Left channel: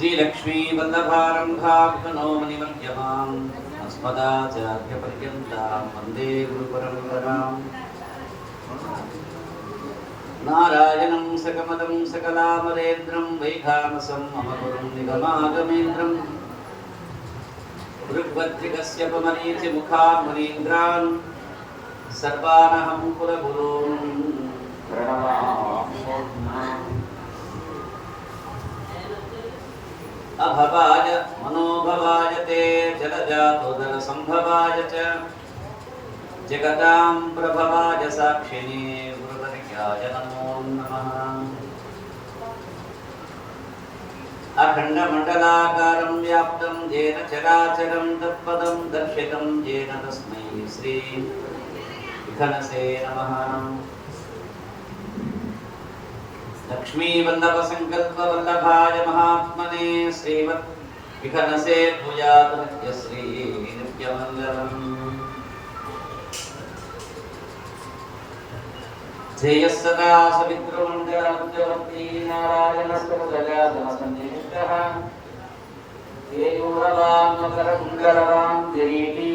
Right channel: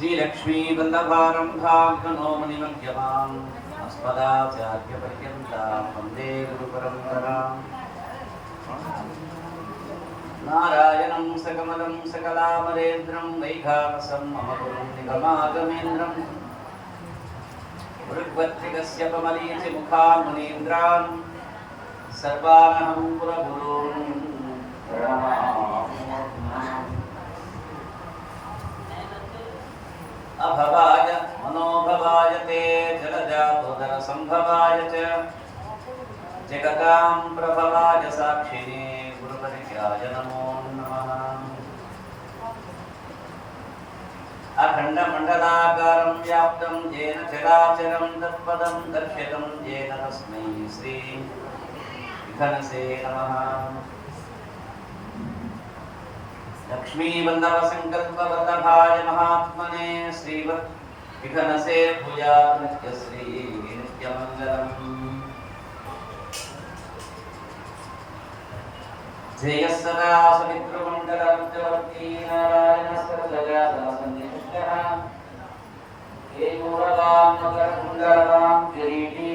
श्रीलक्ष्मी वल्लभारम्भाग्नोमनिमध्यमाम् अस्मदाचार्यपर्यन्तां वन्दे गुरुपरम्पराम् नारायणं सकमलं सकलामरेन्द्रं वैखानसं मम गुरुं निगमागमेन्द्रं भृग्वद्विगस्य पमनीचिमुखान् मुनीन्द्रान् सर्वानहं कुलगुरून् प्रणमामि। अभवाय मनोभवाय ते जलजातोदरसंभवाय च जगदां प्रभवाय साक्षिणे गुरुवर्याय नमो नमः। अखण्डमण्डलाकारं व्याप्तं येन चराचरं तत्पदं दर्शितं येन तस्मै श्री विघ्नसे नमः। लक्ष्मी वल्लभ संकल्प वल्लभाय महात्मने श्रीवत् विघ्नसे भूयात् नित्यश्री नित्यमङ्गलम्। ध्येयः सदा सवितृमण्डलमुद्यवर्ती नारायणस्करलजातनसन्निष्टः केयूरवान् मकरकुण्डलवान् किरीटी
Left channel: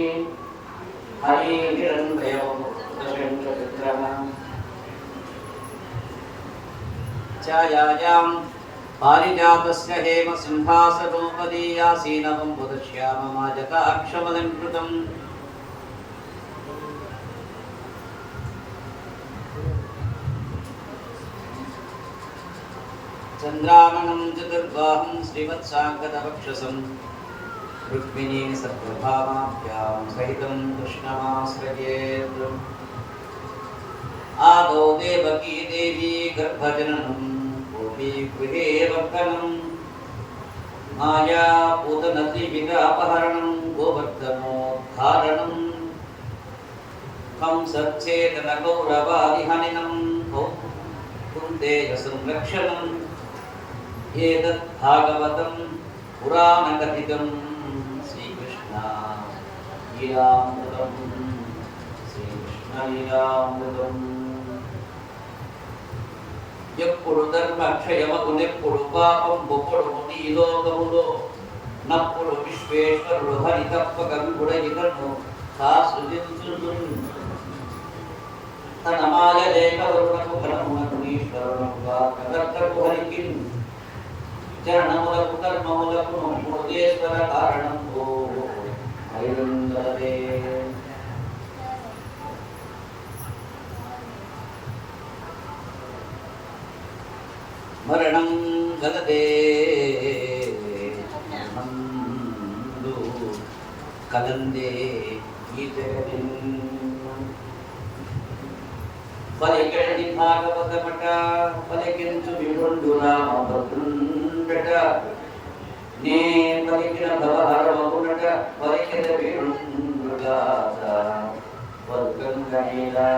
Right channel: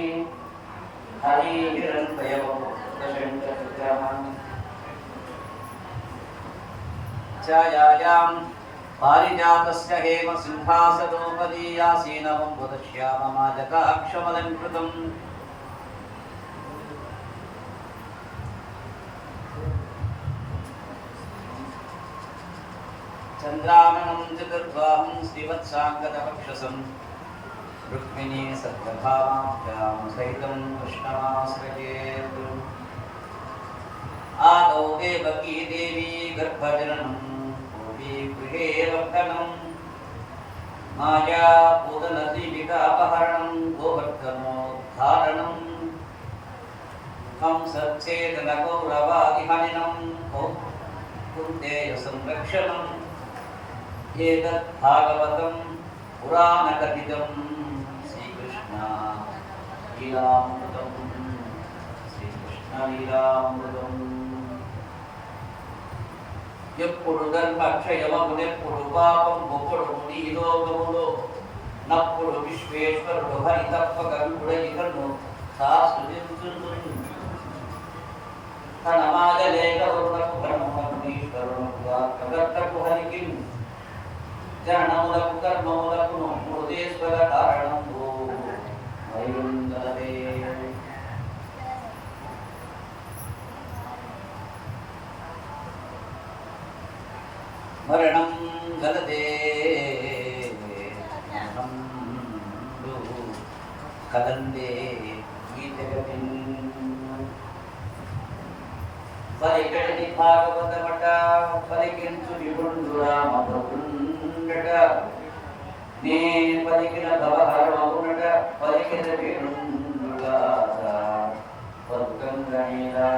हरिहिरण्मयवपुत्रशेखरविग्रहः छायायां पारिजातस्य हेम सिंहासनोपरि आसीनं पुदश्याममाजकाक्षमलङ्कृतम् चन्द्रामणं चतुर्बाहुं श्रीवत्साङ्गदवक्षसं रुक्मिणी सर्वभावाभ्यां सहितं कृष्णमाश्रयेत्। आदौ देवकी देवी गर्भजननं गृहे वर्तनं माया पूतनदीविकापहरणं गोवर्धनोद्धारणं कंसच्छेदनगौरवादिहनिनं कुन्तेज संरक्षणम् एतत् भागवतं पुराणकथितं श्रीकृष्णलीलामृतम्। ఎప్పుడు ధర్మక్షయమగునెప్పుడు పాపం బొప్పుడు ముడి లోకములో నప్పుడు విశ్వేశ్వరుడు హరి తప్పకరుడైతను శాస్త్రుడు తన మాయ లేక వరుణకు కర్మములకు ఈశ్వరునకు ఆత్మకర్తకు హరికి జననములకు కర్మములకు మూర్తేశ్వర కారణం ఓ హరివందరే। మరణం గలదే కలందే ఈ జగతిన్ పలికెడి భాగవత పట పలికించు విభుండురామభద్రుండట నే పలికిన భవహరమగునట పలికిన విభుండుట వర్గం గణీలా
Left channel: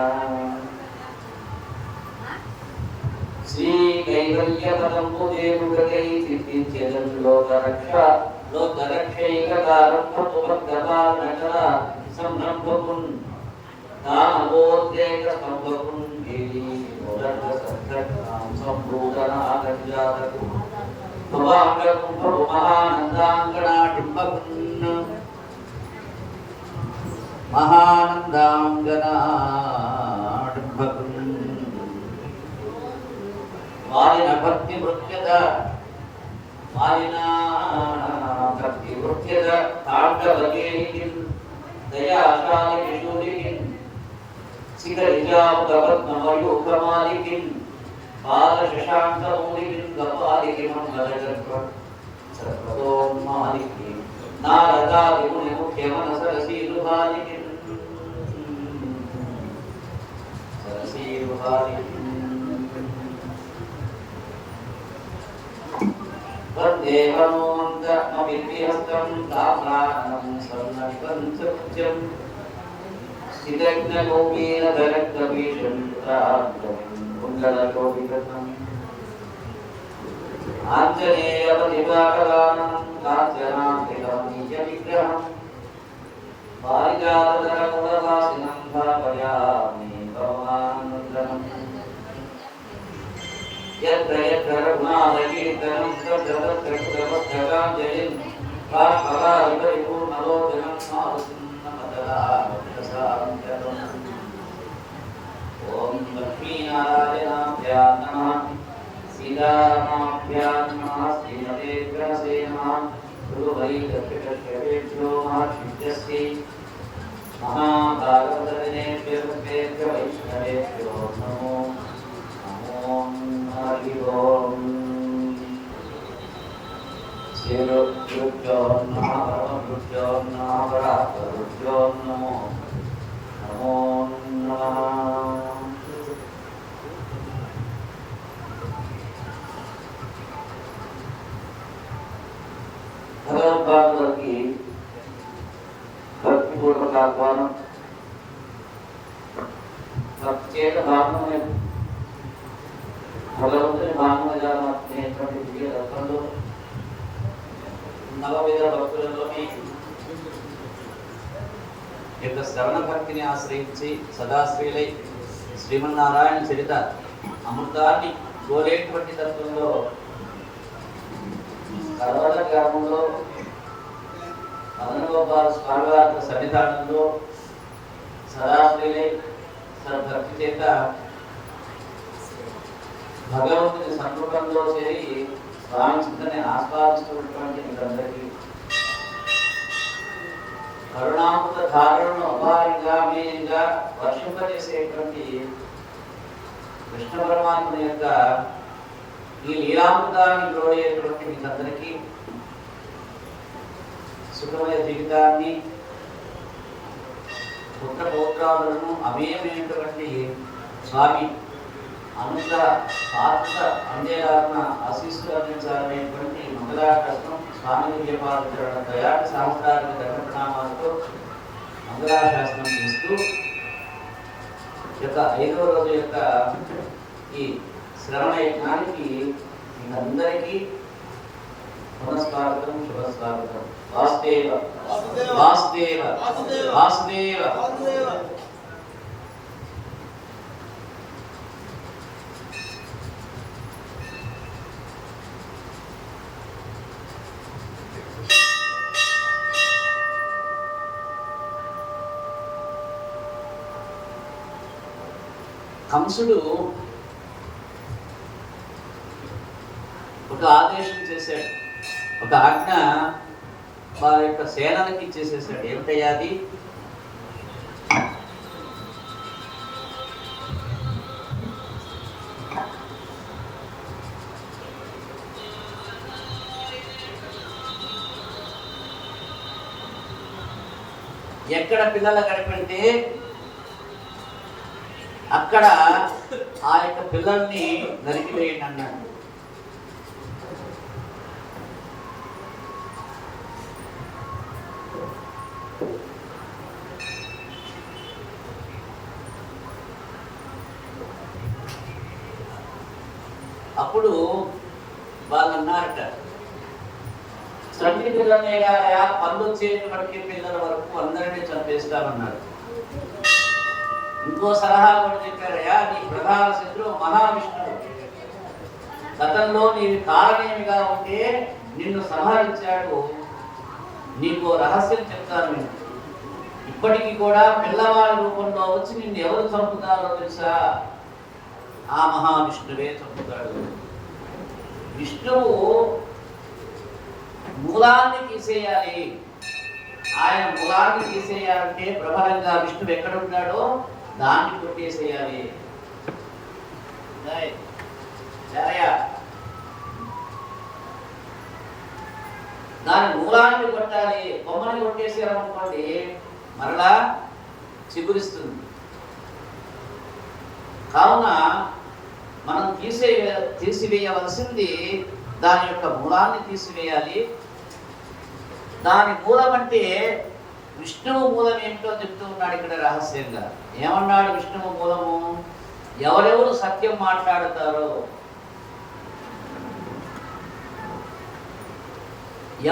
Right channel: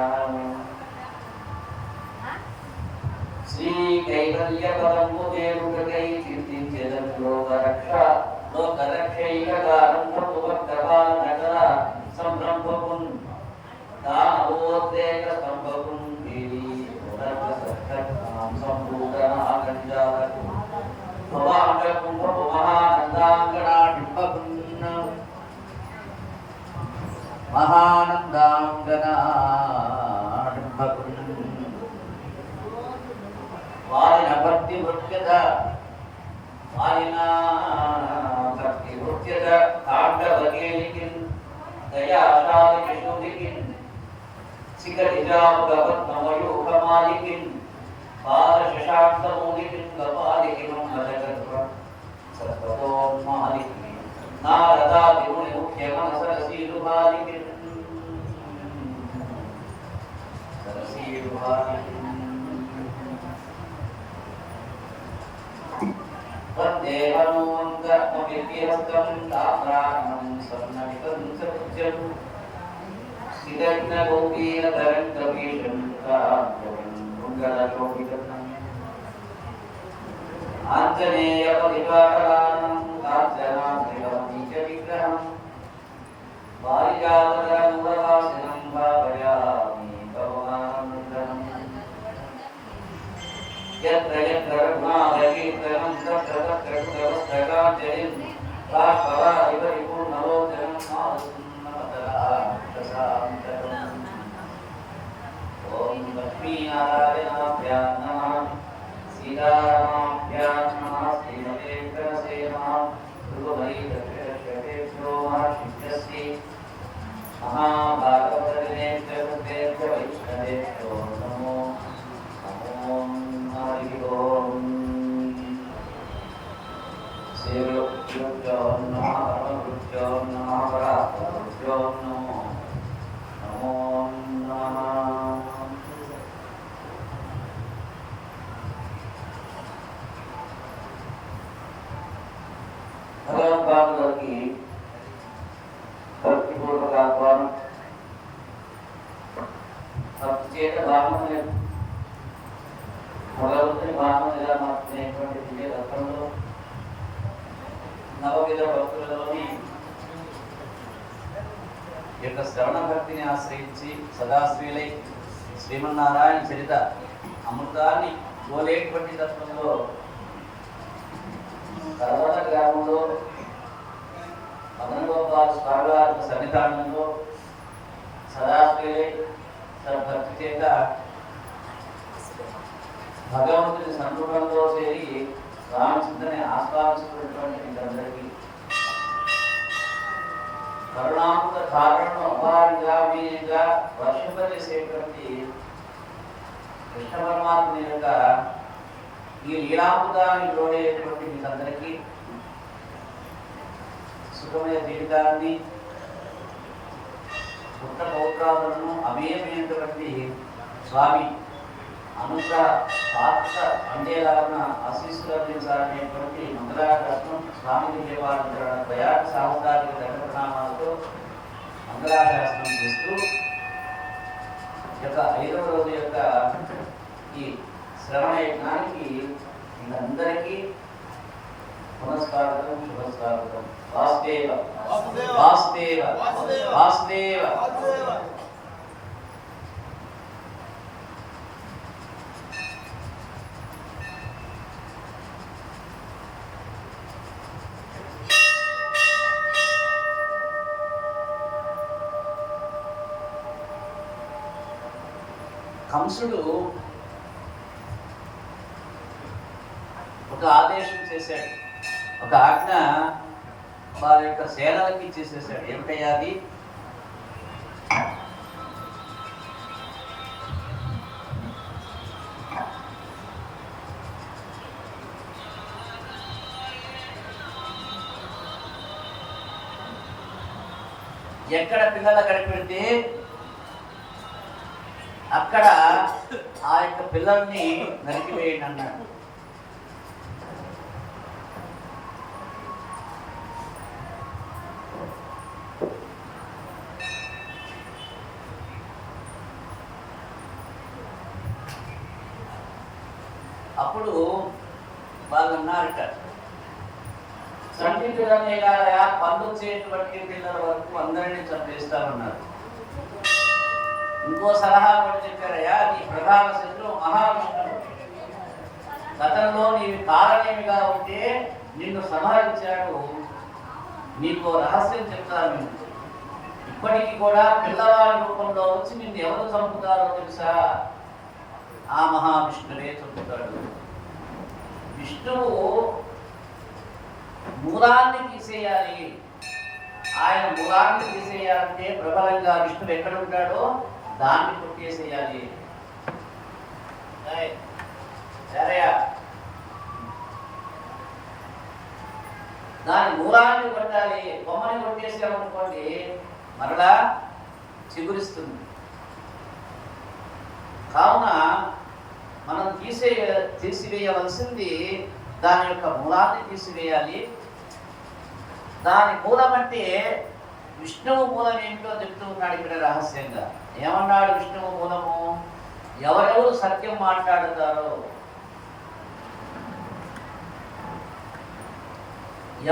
శ్రీ కైవల్యపదంబు చేరుడకై చింతించెదను లోకరక్షైకదారంభపుభక్తపాలనకల సంరంభపున్ దానవోద్రేక స్తంభపున్ దేవి ఉదర్భసత్కర్తాం సంభూతనాగజాతకు భవాంగకుంభపు మహానందాంగనాటింపపున్ మహానందాంగనాటింపపున్ వారిన భక్తి వృత్యద కాండవకేహికిన్ దయాశాలికిషూరికిన్ శిఖరిజాపద్మమయూకమాలికిన్ పాదశశాంకమూలికిన్ గపాలికిన్ మంగళగర్భ సర్వతోన్మాలికిన్ నారదాదిముని ముఖ్యమనసరసీరుబాలికిన్ సరసీరుబాలికిన్ वन्दे मनोऽन्तमविभ्यस्तं ताम्राणं स्वर्णनिकं च उच्चं स्थितज्ञगोपीनधरक्तभीषं कुण्डलकोटिकथम् आञ्जनेयपरिवाराणां काञ्चनात्मिकं निजविग्रहं पारिजातधरमुदवासिनं भावयामि परमानन्दम्। यत्र यत्र रघुनाथकीर्तनं तत्र तत्र Jayam Bhagavad Gita Nalo Janam Madara Sarantam Om Lakshmi Narayana Namah Sita Namah Srimate Vyase Namah Guru Hari Kashyapesya Mahashvidyasi Mahabharata Vineshwara Vaishnavesya Namo Om Hari Om Sirupyo Namo Rupyo Namo Rupyo Namo Namo Namo Bhagavad Gita भक्तिपूर्वक आह्वान प्रत्येक भावना में भगवंతుని భావనగా మార్చినటువంటి దివ్య రత్నంలో నవవేద భక్తులలోని యొక్క శ్రవణ భక్తిని ఆశ్రయించి సదాశ్రీలై శ్రీమన్నారాయణ చరిత అమృతాన్ని కోరేటువంటి తత్వంలో కర్ణాట గ్రామంలో అనుగోపాల స్వామివారి సన్నిధానంలో సదాశ్రీలే సద్భక్తి చేత భగవంతుని సంరూపంలో చేరి స్వామి చింతని ఆస్వాదిస్తున్నటువంటి మీరందరికీ కరుణామృత ధారణను అపారంగా మీయంగా వర్షింపజేసేటువంటి కృష్ణ పరమాత్మ యొక్క ఈ లీలామృతాన్ని గ్రోయేటువంటి మీకందరికీ సుఖమయ జీవితాన్ని పుట్ట పౌత్రాదులను అమేయమైనటువంటి స్వామి అనుత ఆత్మ అందేలాగా ఆశీస్సులు అందించాలనేటువంటి మంగళాశాసనం స్వామి విజయపాద దయాట సహస్రానికి ధర్మ ప్రణామాలతో మంగళాశాసనం చేస్తూ యొక్క 5వ రోజు యొక్క ఈ శ్రవణ యజ్ఞానికి అందరికీ నమస్కారం శుభస్వాగతం వాసుదేవ వాసుదేవ వాసుదేవ కంసుడు ఒక ఆదేశం చేశాడు, ఒక ఆజ్ఞ వారి యొక్క సేనలకి ఇచ్చేసేసాడు. ఏమిటయ్యా అది? ఎక్కడ పిల్లలు కనిపెడితే అక్కడ ఆ యొక్క పిల్లల్ని నరికివేయండి అన్నాడు. అప్పుడు వాళ్ళు అన్నారట, చంటి పిల్లల్ని పళ్ళు వచ్చేటువంటి పిల్లల వరకు అందరినీ చంపేస్తామన్నారు. ఇంకో సలహా కూడా చెప్పారయ్యా, నీ ప్రధాన శత్రువు మహావిష్ణువు. గతంలో నీవి కారణేమిగా ఉంటే నిన్ను సంహరించాడు. నీకు రహస్యం చెప్తాను నేను. ఇప్పటికీ కూడా పిల్లవాడి రూపంలో వచ్చి నిన్ను ఎవరు చంపుతారో తెలుసా? ఆ మహావిష్ణువే చంపుతాడు. విష్ణువు మూలాన్ని తీసేయాలి. ఆయన మూలాన్ని తీసేయాలంటే ప్రబలంగా విష్ణువు ఎక్కడ ఉంటాడో దాన్ని కొట్టేసేయాలి. దాని మూలాన్ని కొట్టాలి. బొమ్మని కొట్టేసేయాలనుకోండి మరలా చిగురిస్తుంది. కావున మనం తీసివేయవలసింది దాని యొక్క మూలాన్ని తీసివేయాలి. దాని మూలం అంటే విష్ణువు మూలం ఏంటో చెప్తూ ఉన్నాడు ఇక్కడ రహస్యంగా. ఏమన్నాడు విష్ణువు మూలము? ఎవరెవరు సత్యం మాట్లాడతారో,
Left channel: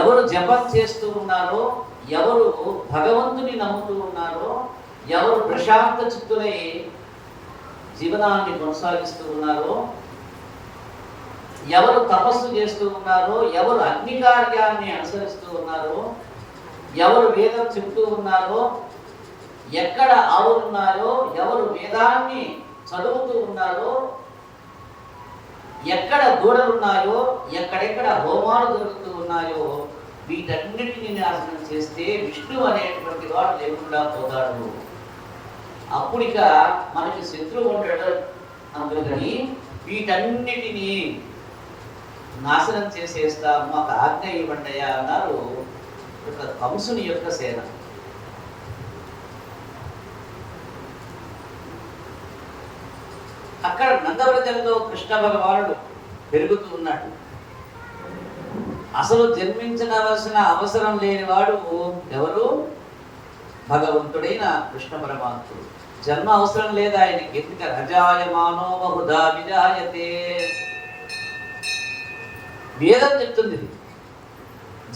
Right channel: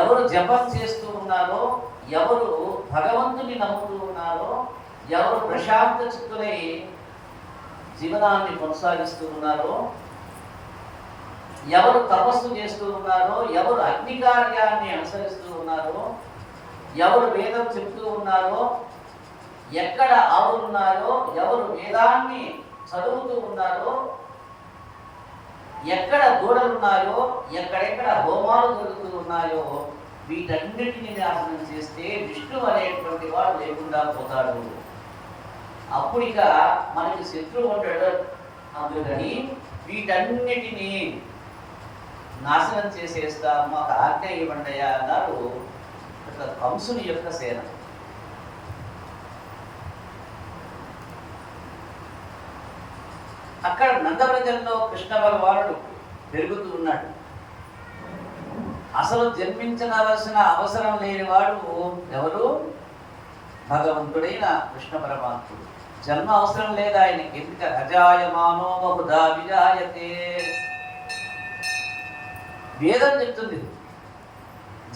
ఎవరు జపం చేస్తూ ఉన్నారో, ఎవరు భగవంతుని నమ్ముతూ ఉన్నారో, ఎవరు ప్రశాంత చిత్తులై జీవనాన్ని కొనసాగిస్తూ ఉన్నారో, ఎవరు తపస్సు చేస్తూ ఉన్నారో, ఎవరు అగ్ని కార్యాన్ని అనుసరిస్తూ ఉన్నారో, ఎవరు వేదం చెప్తూ ఉన్నారో, ఎక్కడ ఆవులున్నాయో, ఎవరు వేదాన్ని చదువుతూ ఉన్నారో, ఎక్కడ దూడలున్నాయో, ఎక్కడెక్కడ హోమాలు జరుగుతూ ఉన్నాయో, వీటన్నిటిని నాశనం చేస్తే విష్ణు అనేటువంటి వాడు లేకుండా పోతాడు. అప్పుడిక మనకి శత్రువు ఉంటాడు. అందుకని వీటన్నిటినీ నాశనం చేసేస్తా, మాకు ఆజ్ఞ ఇవ్వండియా అన్నారు కంసుని యొక్క సేన. అక్కడ నందవ్రజంలో కృష్ణ భగవానుడు పెరుగుతూ ఉన్నాడు. అసలు జన్మించవలసిన అవసరం లేనివాడు ఎవరు? భగవంతుడైన కృష్ణ పరమాత్ముడు. జన్మ అవసరం లేదు ఆయనకి. ఎందుక అజాయమానో బహుధా విజాయతే. వేదం చెప్తుంది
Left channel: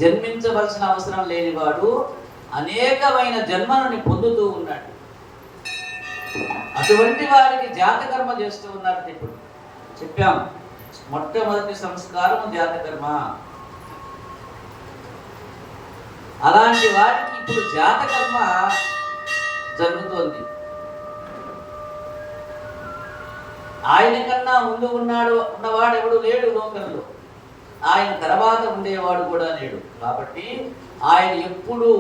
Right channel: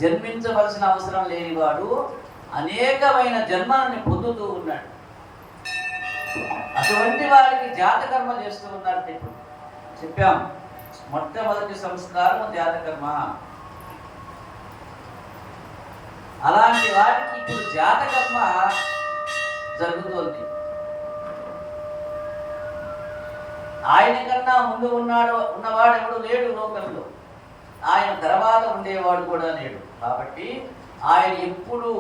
జన్మించవలసిన అవసరం లేనివాడు అనేకమైన జన్మలని పొందుతూ ఉన్నాడు. అటువంటి వారికి జాతకర్మ చేస్తూ ఉన్నారు. ఇప్పుడు చెప్పాం, మొట్టమొదటి సంస్కారం జాతకర్మ. అలాంటి వారికి ఇప్పుడు జాతకర్మ జరుగుతోంది. ఆయన కన్నా ముందు ఉన్నవాడు ఎవడు లేడు లోకంలో. ఆయన తర్వాత ఉండేవాడు కూడా లేడు. కాబట్టి ఆయన ఎప్పుడు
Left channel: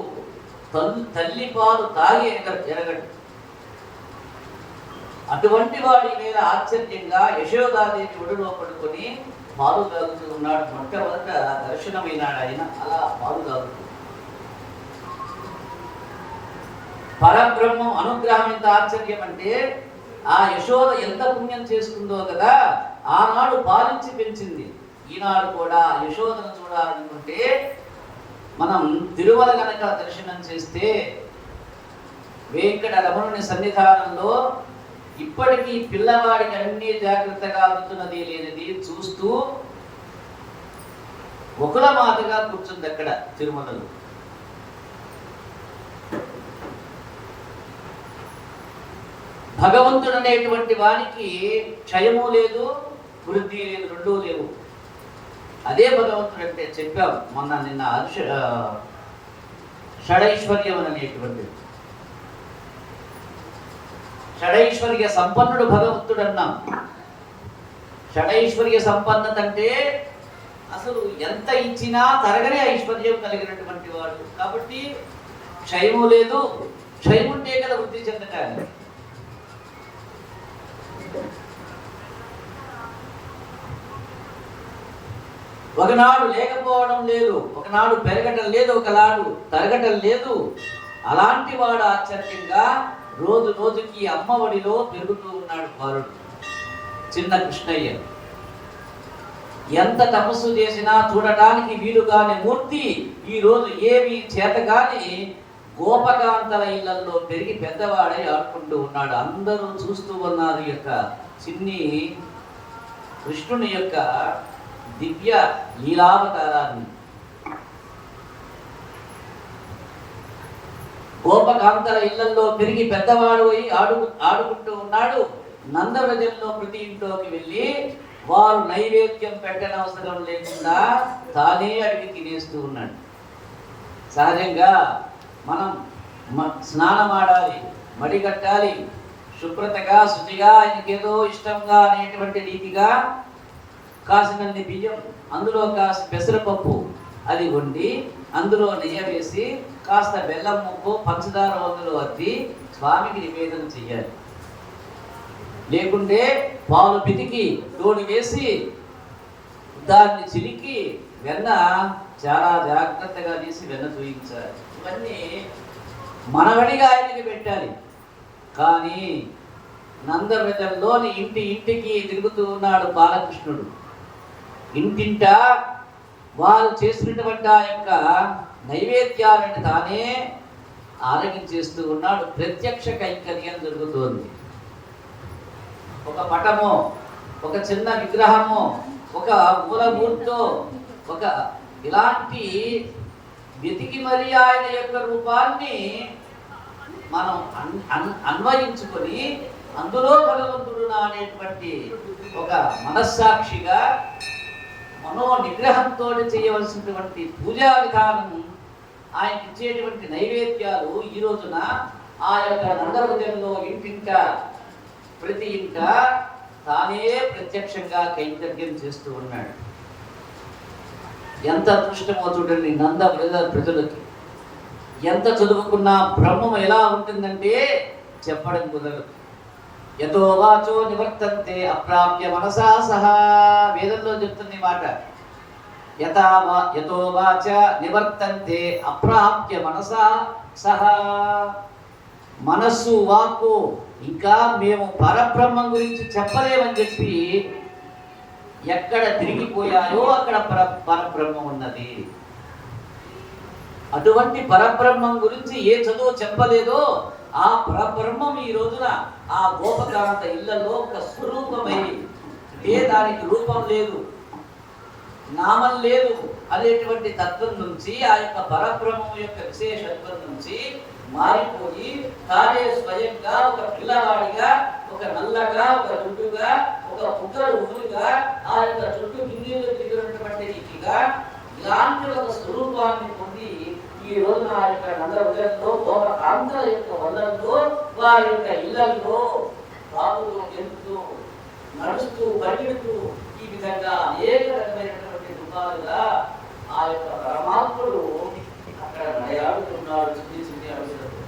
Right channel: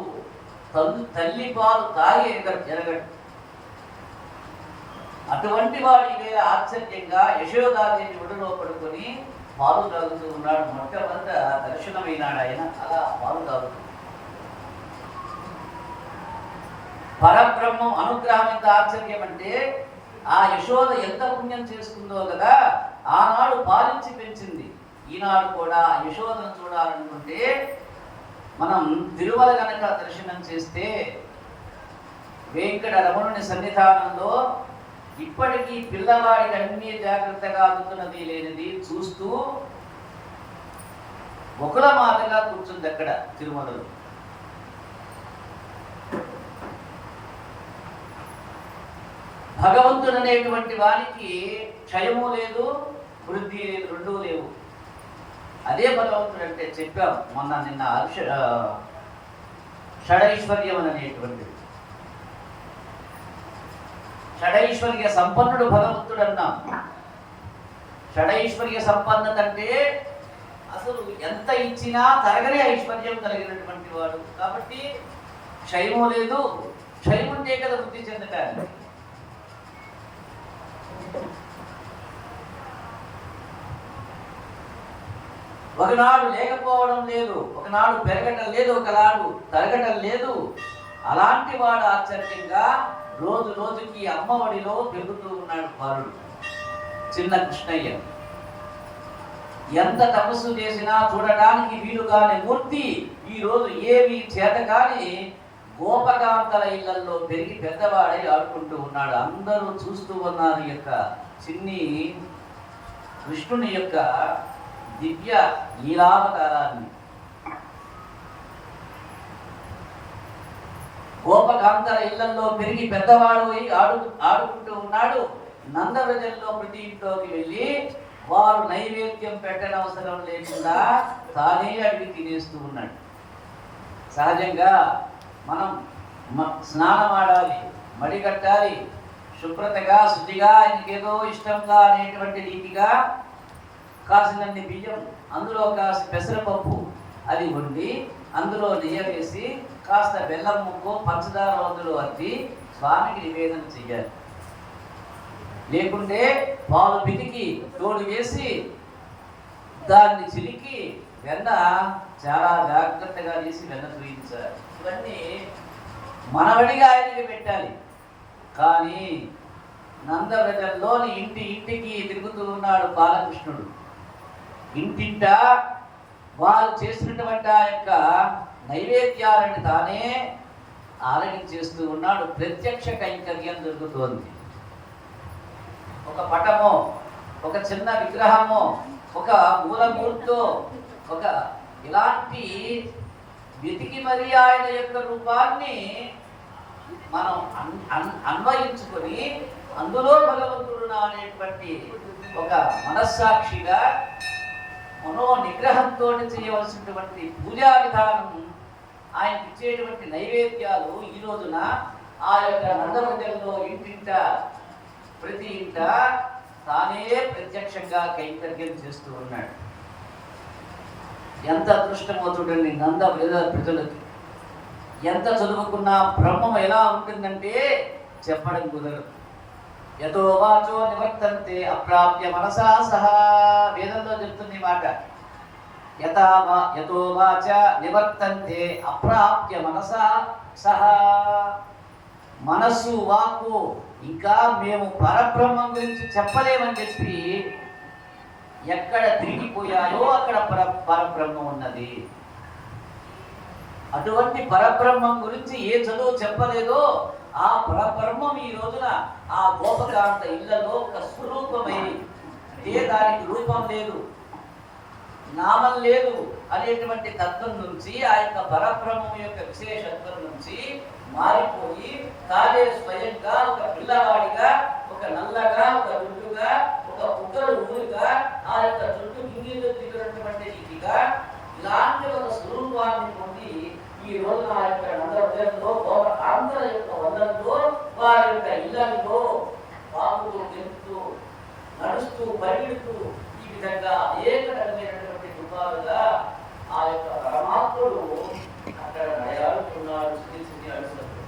తల్లి పాలు తాగి ఎరగడు. అటువంటి వాడి మీద ఆశ్చర్యంగా యశోదాదేవి ఒడిలో పడుకొని పాలు తాగుతూ ఉన్నాడు. మొట్టమొదట దర్శనమైనాడు ఆయన. అలా పాలు తాగుతూ పరబ్రహ్మం అనుగ్రహం ఎంత ఆశ్చర్యం అంటే, ఆ యశోద ఎంత పుణ్యం చేసుకుందో కదా, ఆనాడు పాలించి పెంచింది. ఈనాడు కూడా యశోదను చూడాలనుకుంటే మనం తిరుమల గనక దర్శనం చేస్తే వెంకట రమణుని సన్నిధానంలో ఇప్పటికీ పిల్లవాడికి అన్ని జాగ్రత్తగా అందుతున్నది లేనిది చూస్తూ ముకుల మాతగా కూర్చుంది అక్కడ తిరుమలలో. భగవంతుడు అనేటువంటి వానికి క్షయము లేదు, వృద్ధి లేదు, రెండూ లేవు. అదే భగవంతుడు అంటే చెప్పాం మొన్న నిన్న షడైశ్వర్యం అనేటువంటిది. షడైశ్వర్య సంపన్నుడు భగవంతుడు అన్నాం. షడైశ్వర్య సంపన్నత అంటే అసలు ఎంత ఇచ్చినా తరగనే ఐశ్వర్యం కలిగినటువంటి వాడు. కాబట్టి క్షయము లేదు. క్షయం ఉంటే కదా వృద్ధి చెందటానికి. ఒకనాడు లేకపోవడం లేదు, ఒకనాడు పెరగటం లేదు, ఒకనాడు తరగటం లేదు. అలాంటి వాడు ఆశ్చర్యంగా రోజు రోజుకి అమ్మఒడిలో పెరుగుతూ ఉన్నాడు బాలుడు చిన్న కృష్ణయ్య. ఎంత తపస్సు చేసినా చూడటానికి వీలుగాని మూర్తి ఈ రోజు ఏవి చేతగాని గోపకాంతల ఇళ్లలో పెరిగి పెద్దవాడై ఆడుకుంటూ ఉన్నాడు. అందరూ చూస్తూ ఉన్నారు యొక్క చిన్ని కృష్ణుని యొక్క దివ్య లీలావతారాన్ని. గోపకాంతల ఇళ్లలో పెరిగి పెద్దవాడు ఆడుకుంటూ ఉన్నాడు. నందవ్రజంలో ప్రతి ఇంట్లోకి వెళ్ళి వారు నైవేద్యం పెట్టనవసరం లేకుండా తానే అడిగి తినేస్తూ ఉన్నాడు. సహజంగా మనం స్నానం ఆడాలి, మడిగట్టాలి, శుభ్రతగా శుచిగా ఆయనకేదో ఇష్టంగా అనేటువంటి రీతిగా కాసినన్ని బియ్యం, అందులో కాస్త పెసరపప్పు అది వండి అందులో నెయ్యి వేసి కాస్త బెల్లం ముక్కో పంచదార వందులో అద్ది స్వామికి నివేదన చెయ్యాలి. లేకుంటే పాలు పితికి తోడు వేసి దాన్ని చిలికి వెన్న చాలా జాగ్రత్తగా తీసి వెన్న చూయించాలి. ఇవన్నీ మనవడిగా ఆయనకి పెట్టాలి. కానీ నందవ్రజంలోని ఇంటికి తిరుగుతూ ఉన్నాడు బాలకృష్ణుడు. ఇంటింట వారు చేసినటువంటి ఆ యొక్క నైవేద్యాలను తానే ఆరగించేస్తూ ఉన్నాడు. ప్రత్యక్ష కైంకర్యం జరుగుతోంది. ఒక పటమో, ఒక చిన్న విగ్రహమో, ఒక మూలమూర్తో, ఒక ఇలాంటి వెతికి మరి ఆయన యొక్క రూపాన్ని మనం అన్వయించుకొని అందులో భగవంతుడు అనేటువంటి ఒక మనస్సాక్షిగా మనో నిగ్రహంతో చేయవలసినటువంటి పూజా విధానం, ఆయన ఇచ్చేటువంటి నైవేద్యాలు ఈ రోజున ఆ యొక్క నందవృజంలో ఇంటింట ప్రతి ఇంట తానే ప్రత్యక్షంగా కైంకర్యం చేస్తూ ఉన్నాడు. ఎంత అదృష్టమో చూడండి నందవృజ ప్రజలకి. ఎంత చదువుకున్నా బ్రహ్మం ఎలా ఉంటుందంటే చెప్పడం కుదరదు. యతో వాచో నివర్తంతే అప్రాప్య మనసా సహా, వేదంలో చెప్తుంది మాట. యతో వాచ నివర్తంతే అప్రాప్య మనసా సహా, మనస్సు వాక్కు ఇంకా మేము పరబ్రహ్మం గురించి చెప్పలేమని చెప్పి ఎక్కడ తిరిగిపోయాయో అక్కడ పరబ్రహ్మం ఉన్నది. అటువంటి పరబ్రహ్మం గురించి ఏ చదువు చెప్పలేదో ఆ పరబ్రహ్మం ఈ రోజున ఆ గోపకాంత ఇళ్లలో ఒక స్వరూపమైంది. అంటే దానికి రూపం లేదు, నామం లేదు అనేటువంటి తత్వం నుంచి, ఆ యొక్క పరబ్రహ్మం యొక్క విశేషత్వం నుంచి మారిపోయి తానే స్వయంగా ఒక పిల్లవాడిగా, ఒక నల్లగా, ఒక రుడ్డుగా, ఒక పుట్టలు ఊరుగా, ఆ యొక్క చుట్టూ గిన్నెలు దిగినటువంటి రీతిగా ఇలాంటి ఒక స్వరూపాన్ని పొంది ఈ రోజు ఆ యొక్క నందవృజంలో గోపకాంతల యొక్క వల్లంలో వారి యొక్క ఇళ్లలో బాబుతో గెలుతూ నడుస్తూ పరిగెడుతూ ఈ విధంగా అనేక రకమైనటువంటి రూపాలుగా ఆ యొక్క పరమాత్ముడు అక్కడ నయాడుతున్నాడు. చిన్ని అడుగుతాడు.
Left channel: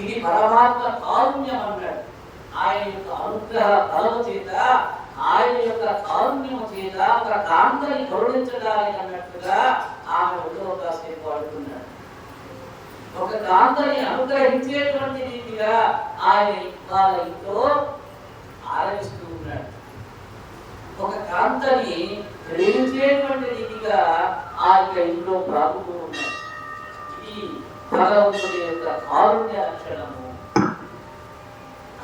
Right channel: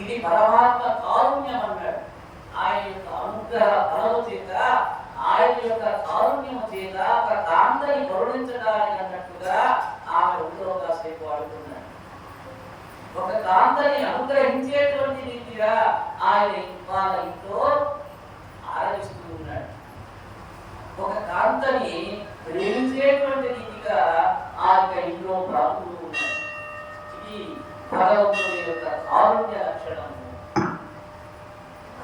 ఇది పరమాత్మ కారుణ్యం అన్నాడు. ఆయన యొక్క అనుగ్రహ బలం చేత, ఆయన యొక్క కారుణ్యము చేత ఒక కాంతని కరుణించడానికి అన్నట్టుగా ఆమె ఒళ్ళో కాసేపు పాడుతున్నాడు. ఒక కాంతని అనుగ్రహించేటువంటి రీతిగా ఆయన వాళ్ళ ఇంట్లో ఆరాధిస్తూ ఉన్నాడు. ఒక కాంతని ప్రేమించేటువంటి రీతిగా ఆ యొక్క ఇంట్లో ప్రార్థుతూ ఉన్నాడు. ఇది భగవంతుడి యొక్క కారుణ్య లక్షణము.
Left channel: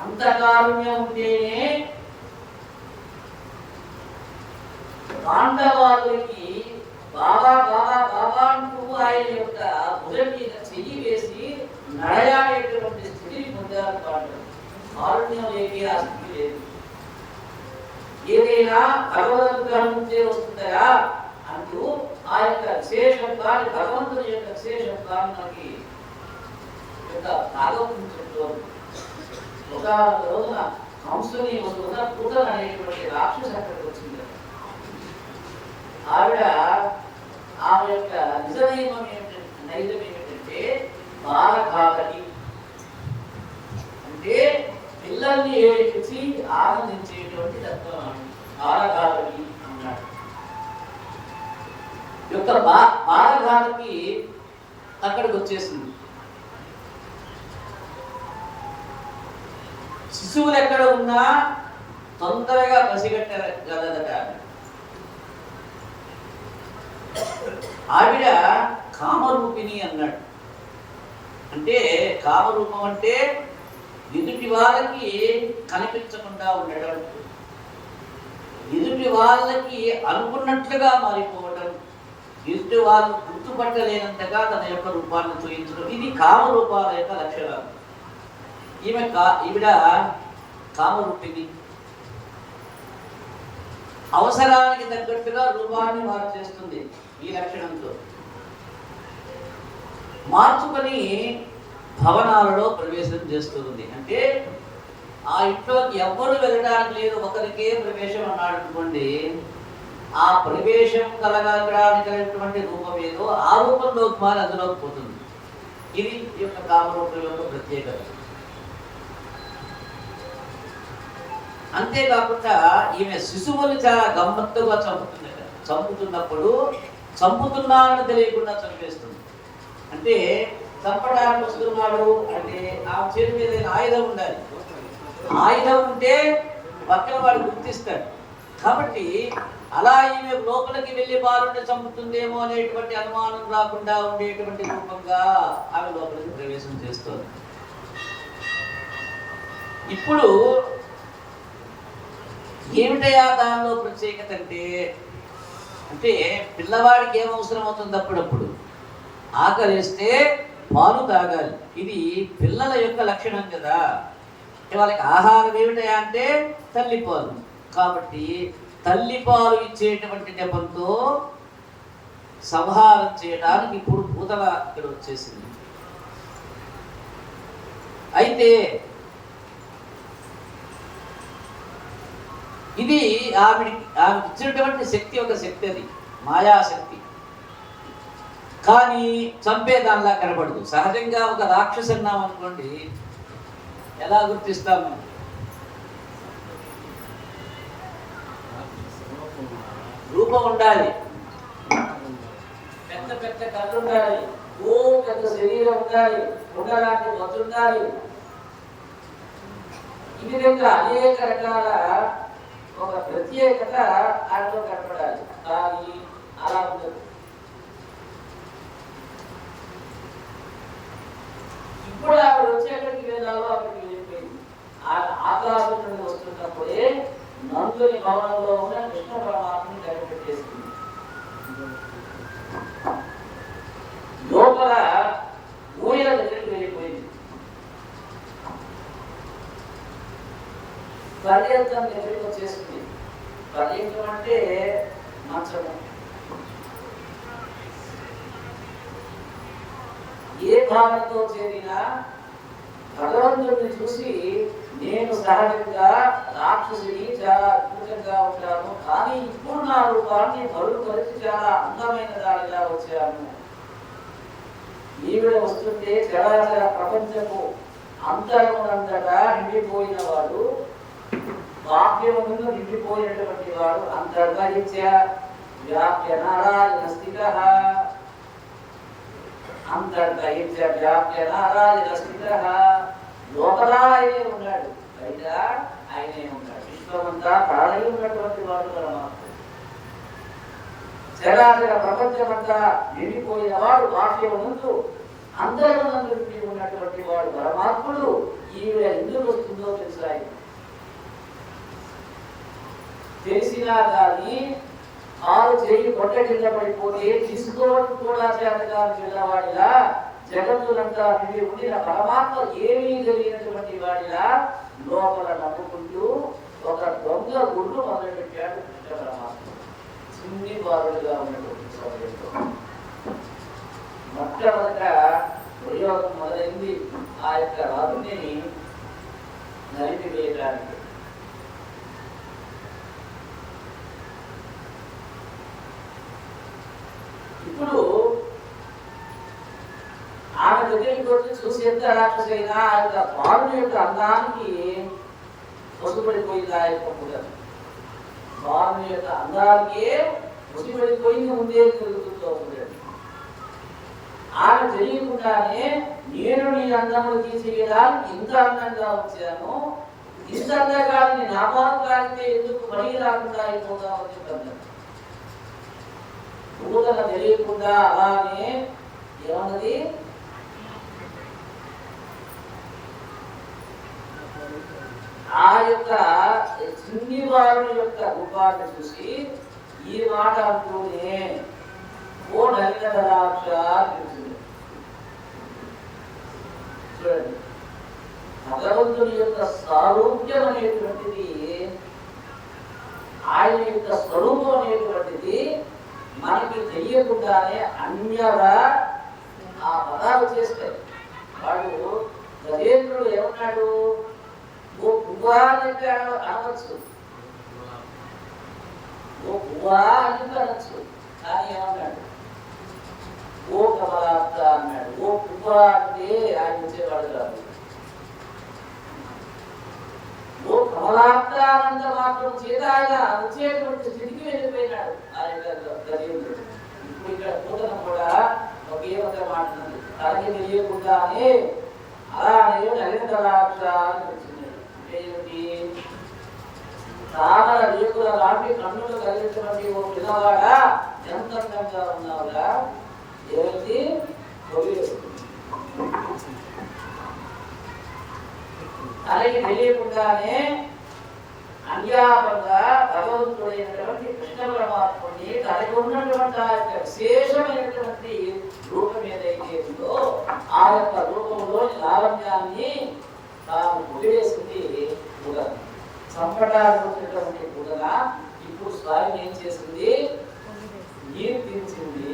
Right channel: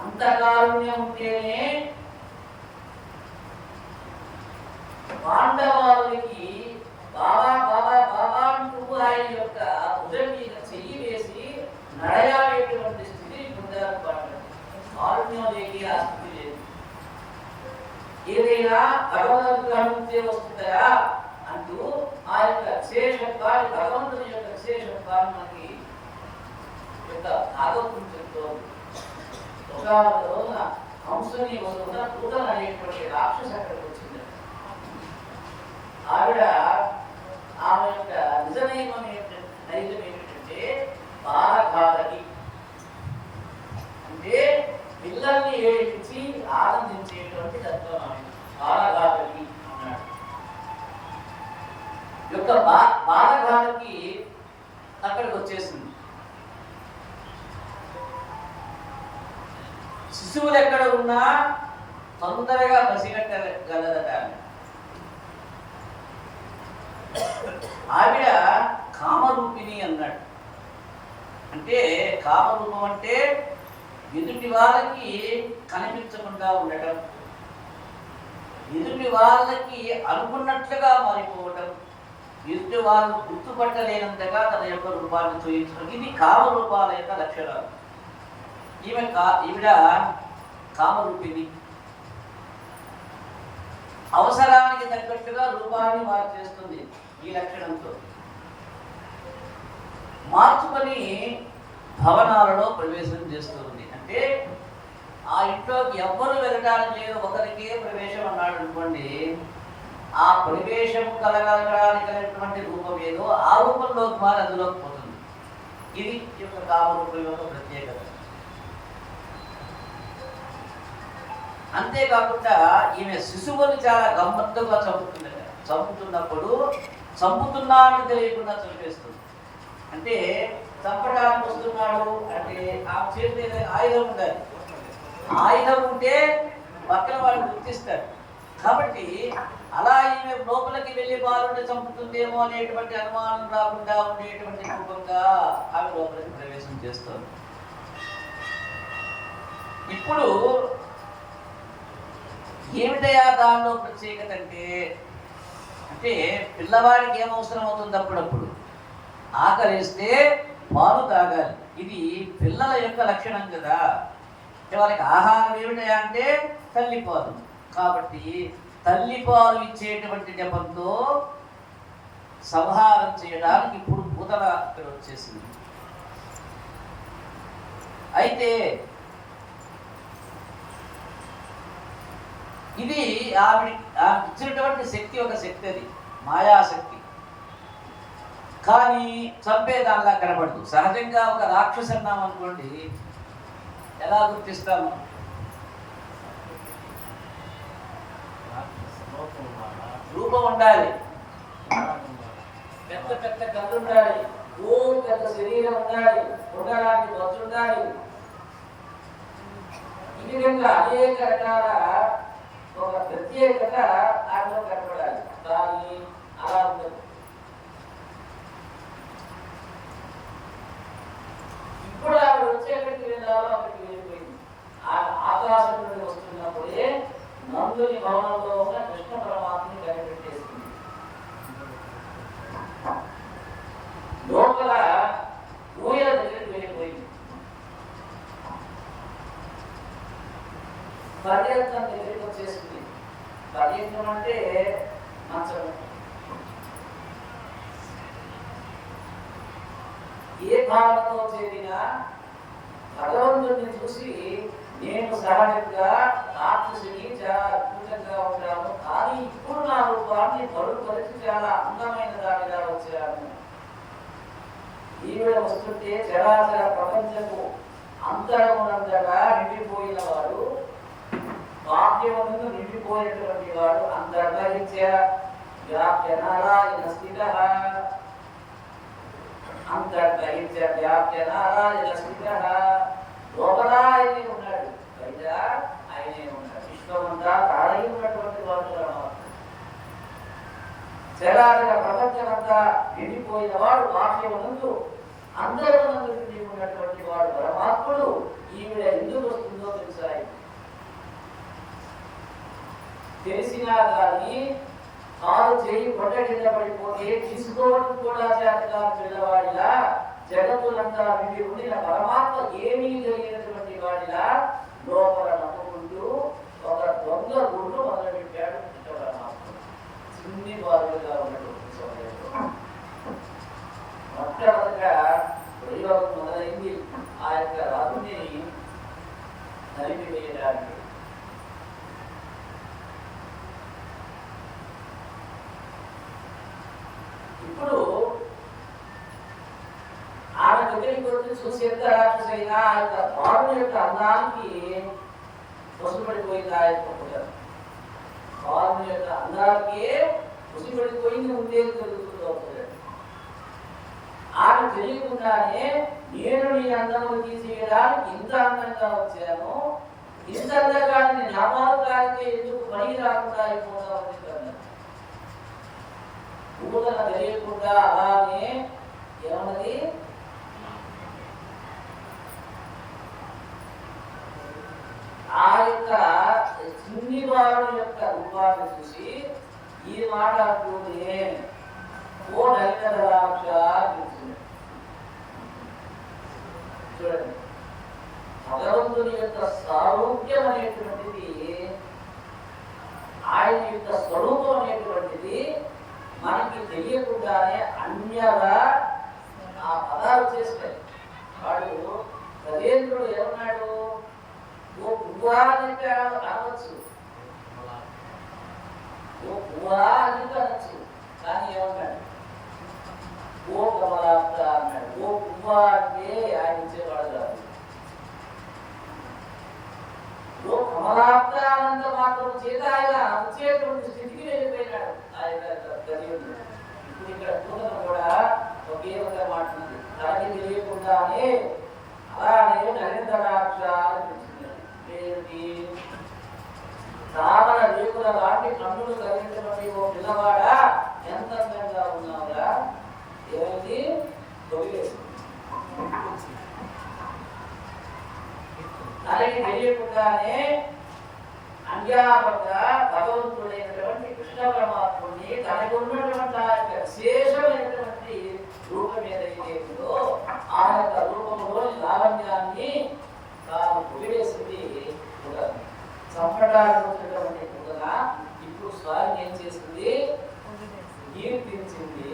అంత కారుణ్యం ఉంటేనే పాండవాళ్ళకి బాబా బాబా బాబా అంటూ ఆయన యొక్క భుజం మీద చెయ్యి వేసి నడయాడేటువంటి స్థితిని పొందారు పాండవులు. కారుణ్యం లేని ఆ స్థితి లేదు. ఏదైనా భగవద్ అనుగ్రహం నుంచే వస్తుందా అంటూ ఆ యొక్క విశేషత్వాన్ని, భగవంతుని యొక్క విశేషత్వాన్ని మనకి ఒక భాగవతం చెప్తోంది. ఒక రోజున కంసుని పూతన అనేటువంటి రాక్షస అక్కడికి వచ్చింది. ఆవిడ ఆమె యొక్క నిజమైన నైజం ఏమిటంటే బాలఘాతకి, అంటే పిల్లల్ని ఏడిపించి ఆనందించేటువంటి తత్వం. బాలఘాతకి అన్నాడు. యొక్క బాలఘాతకి అక్కడికి వచ్చేసింది. శిశువులు ఎక్కడ ఉన్నా తొందరగా పసిగట్టగలదట. ఆవిడ కామరూపిణి అన్నాడు. అంటే కామరూపం అంటే ఎదుటి వాళ్ళకి కనిపించకుండా ఉండటం, ఎదుటి వాళ్ళకి అనుకున్నట్లుగా మారిపోవడం, ఎదుటి వాళ్ళు గుర్తుపట్టలేనంతగా తన యొక్క రూపాన్ని చూపించడం, ఇది కామరూపాల యొక్క లక్షణాలు. ఈవిడ కామరూపిణి. అవసరానికి తగ్గట్టుగా రూపాన్ని మార్చేస్తుంది. ఈ లక్షణంతో మార్చుకొని భవనాలలో ప్రవేశం చేస్తుంది. అంటే ఆ ఇంట్లోకి ఎవ్వరు వెళ్ళడానికి లేదు, ఒకరికే ప్రవేశం అన్నాడు అనుకోండి. ఆ ప్రవేశం కలగడానికి రూపం ఏదో ఆ రూపంలోకి మారి అందులోకి పోతుంది. ఇది ఈ యొక్క కామరూపం యొక్క ప్రత్యేకత. అంతేకాకుండా ఈమె శిశువులు చాలా గమ్మత్తుగా చంపుతుంది. చంపుతున్నప్పుడు చంపుతున్నాను తెలియకుండా చంపేస్తుంది. అంటే చంపడానికి వస్తున్నాడు అంటే ఆ చేతి మీద ఆయుధం ఉండాలి. ఆయుధం ఉంటే పక్కన వాడు గుర్తిస్తాడు. కాబట్టి అలా ఈమె లోపలికి వెళ్ళి బాలుని చంపుతుందేమో అనేటువంటి అనుమానం రాకుండా ఉండేటువంటి రూపంగా ఆమె లోపలికి ప్రవేశం చేస్తుంది. ఇప్పుడు ఏమిటయా దానిలో ప్రత్యేకత అంటే పిల్లవాడికి ఏం అవసరం అవుతుంది, అప్పుడప్పుడు ఆకలిస్తే పాలు తాగాలి. ఇది పిల్లల యొక్క లక్షణం కదా. వాళ్ళకి ఆహారం ఏమిటయా అంటే తల్లి పాలు. కాబట్టి తల్లి పాలు ఇచ్చేటువంటి నెపంతో సంహారం చేయడానికి ఇప్పుడు భూతల ఇక్కడ వచ్చేసింది. అయితే ఇది ఆమె ఇచ్చినటువంటి శక్తి ఒక శక్తి, అది మాయాశక్తి. కానీ చంపేదానిలా కనబడదు. సహజంగా ఒక రాక్షసి అన్నాం అనుకోండి, ఎలా గుర్తిస్తాము? రూపం ఉండాలి, పెద్ద పెద్ద కళ్ళు ఉండాలి, పెద్ద శరీరం ఉండాలి, ఉండడానికి బొత్తు ఉండాలి. ఈ విధంగా అనేక రకాల ఒక ప్రత్యేకత దాంట్లో కనపడాలి. కానీ అలా ఉండదు. ఇప్పుడు ఆవిడ వచ్చేటటువంటి విధాలు ఆవిడకి వెళ్ళిపోయింది. ఆకాశం నుండి వస్తున్నప్పుడే నందుని భవనంలో ఉన్న కృష్ణ పరమాత్మని కనిపెట్టేస్తుంది. లోపల ఊయల దగ్గరికి వెళ్ళిపోయింది. పర్యంతం దగ్గరికి వచ్చేసింది. పర్యంతం అంటే మంచము. ఏ భావనతో చేరినా భగవంతుడిని చూసి నేను సహజంగా రాక్షసిని చాలా అద్భుతంగా ఉంటాను, కానీ ఇప్పుడు నా రూపాన్ని బరువుపరిచి చాలా అందమైన దానిగా వచ్చాను. ఈవిడ వస్తుంటే చరాచర ప్రపంచము అంతరమునంతటా నిండిపోయిన వాడు, బాహ్యమును నిండిపోయినటువంటి వాడు, అంతర్గరిత్య వ్యాప్య నారాయణ స్థితః, అంతర్గరిత్య వ్యాప్య నారాయణ స్థితః. లోపల ఆయనే ఉన్నాడు, బయట ఆయనే ఉన్నాడు. విశ్వమంతా తాళై ఉన్నటువంటి వాడు పరమాత్ముడు. చరాచర ప్రపంచమంతా నిండిపోయిన వాడు, బాహ్యమునందు అంతరమునందు నిండి ఉన్నటువంటి వాడు పరమాత్ముడు. ఈవిడ ఎందుకు వస్తుందో తెలుసా? తెలిసినా కానీ కాలు చేయి పొట్ట కింద పడిపోతే తీసుకోవడం కూడా చేతగా చిన్నవాడిలా, జగత్తునంతా నిండి ఉండిన పరమాత్మ ఏమీ తెలియనటువంటి వాడిలా లోపల నమ్ముకుంటూ ఒక దొంగ గుడ్డు మొదలుపెట్టాడు కృష్ణ పరమాత్మ. చిన్ని బారుడుగా ఉన్నటువంటి సమయంలో మొట్టమొదట ప్రయోగం మొదలైంది ఆ యొక్క రాజుని నలిపివేయడానికి. ఇప్పుడు ఆమె దగ్గరికి చూసి ఎంత రాక్షసైనా బాలుని యొక్క అందానికి పసుపడిపోయింది. ఆ యొక్క పుట్టను బాలుని యొక్క అందానికే పసుపడిపోయింది, ఉండే జరుగుతుందో పుట్టను. ఆమె తెలియకుండానే నేను నీ అందమును తీసేయడానికి ఇంత అందంగా వచ్చాను, ఇంత అందంగా నా పాలు కాలితే ఎందుకు పని రాకుండా అయిపోతామని చెప్పాను. పూతన తెలియకుండా అలానే ఏమన్నది, ఆ యొక్క చిన్ని వారు యొక్క రూపాన్ని చూసి ఈ మాట అంటూనే ఓ నలిన దళాక్ష చూడండి. భగవంతుని యొక్క సారూప్యం అనేటువంటిది, ఆయన యొక్క స్వరూపం అనేటువంటిది మనకి తెలియకుండానే అన్యగా ఆ పదాలు చేస్తారు. వాడు గజేంద్రుడు ఏమన్నాడు, ఓ పువ్వా అని అనొచ్చు, ఓ పువ్వా అని అనొచ్చు. కానీ ఏమన్నాడు, ఓ కమలాప్త అన్నాడు. ఓ పువ్వా అంటే ఆయన ఇచ్చేవాడు కాదు. ఓ కమలాప్తానంద మాత్రం చేత ఆయన వచ్చేటువంటి స్థితికి వెళ్ళిపోయినాడు ఆయన గజేంద్రుడు. ఇప్పుడు ఇక్కడ పూతన కూడా ఒకే ఒక మాట ఉంది, తనకి తెలియకుండానే అలానే నరేంద్రాక్ష అని తెలిసింది. ఏమిటి, తామర రేకుల లాంటి కన్నులు కలిగినటువంటి ఓ పిల్లవాడా ఎంత అందంగా ఉన్నావుగా, ఏమిటి తనకి తెలియకుండానే అన్యాపంగా భగవంతుడైనటువంటి కృష్ణ పరమాత్ముడిని తనకు ఉన్నటువంటి ఆ యొక్క విశేషమైనటువంటి రూపం ఏదైతే ఉందో ఆ యొక్క రూపంలో లావణ్యాన్ని తాను పుడివేసింది కూడా. సంప్రదాయానికి వచ్చినటువంటి పూజన ఇప్పుడు స్వామి ఏం చేస్తుంది? కీర్తించింది.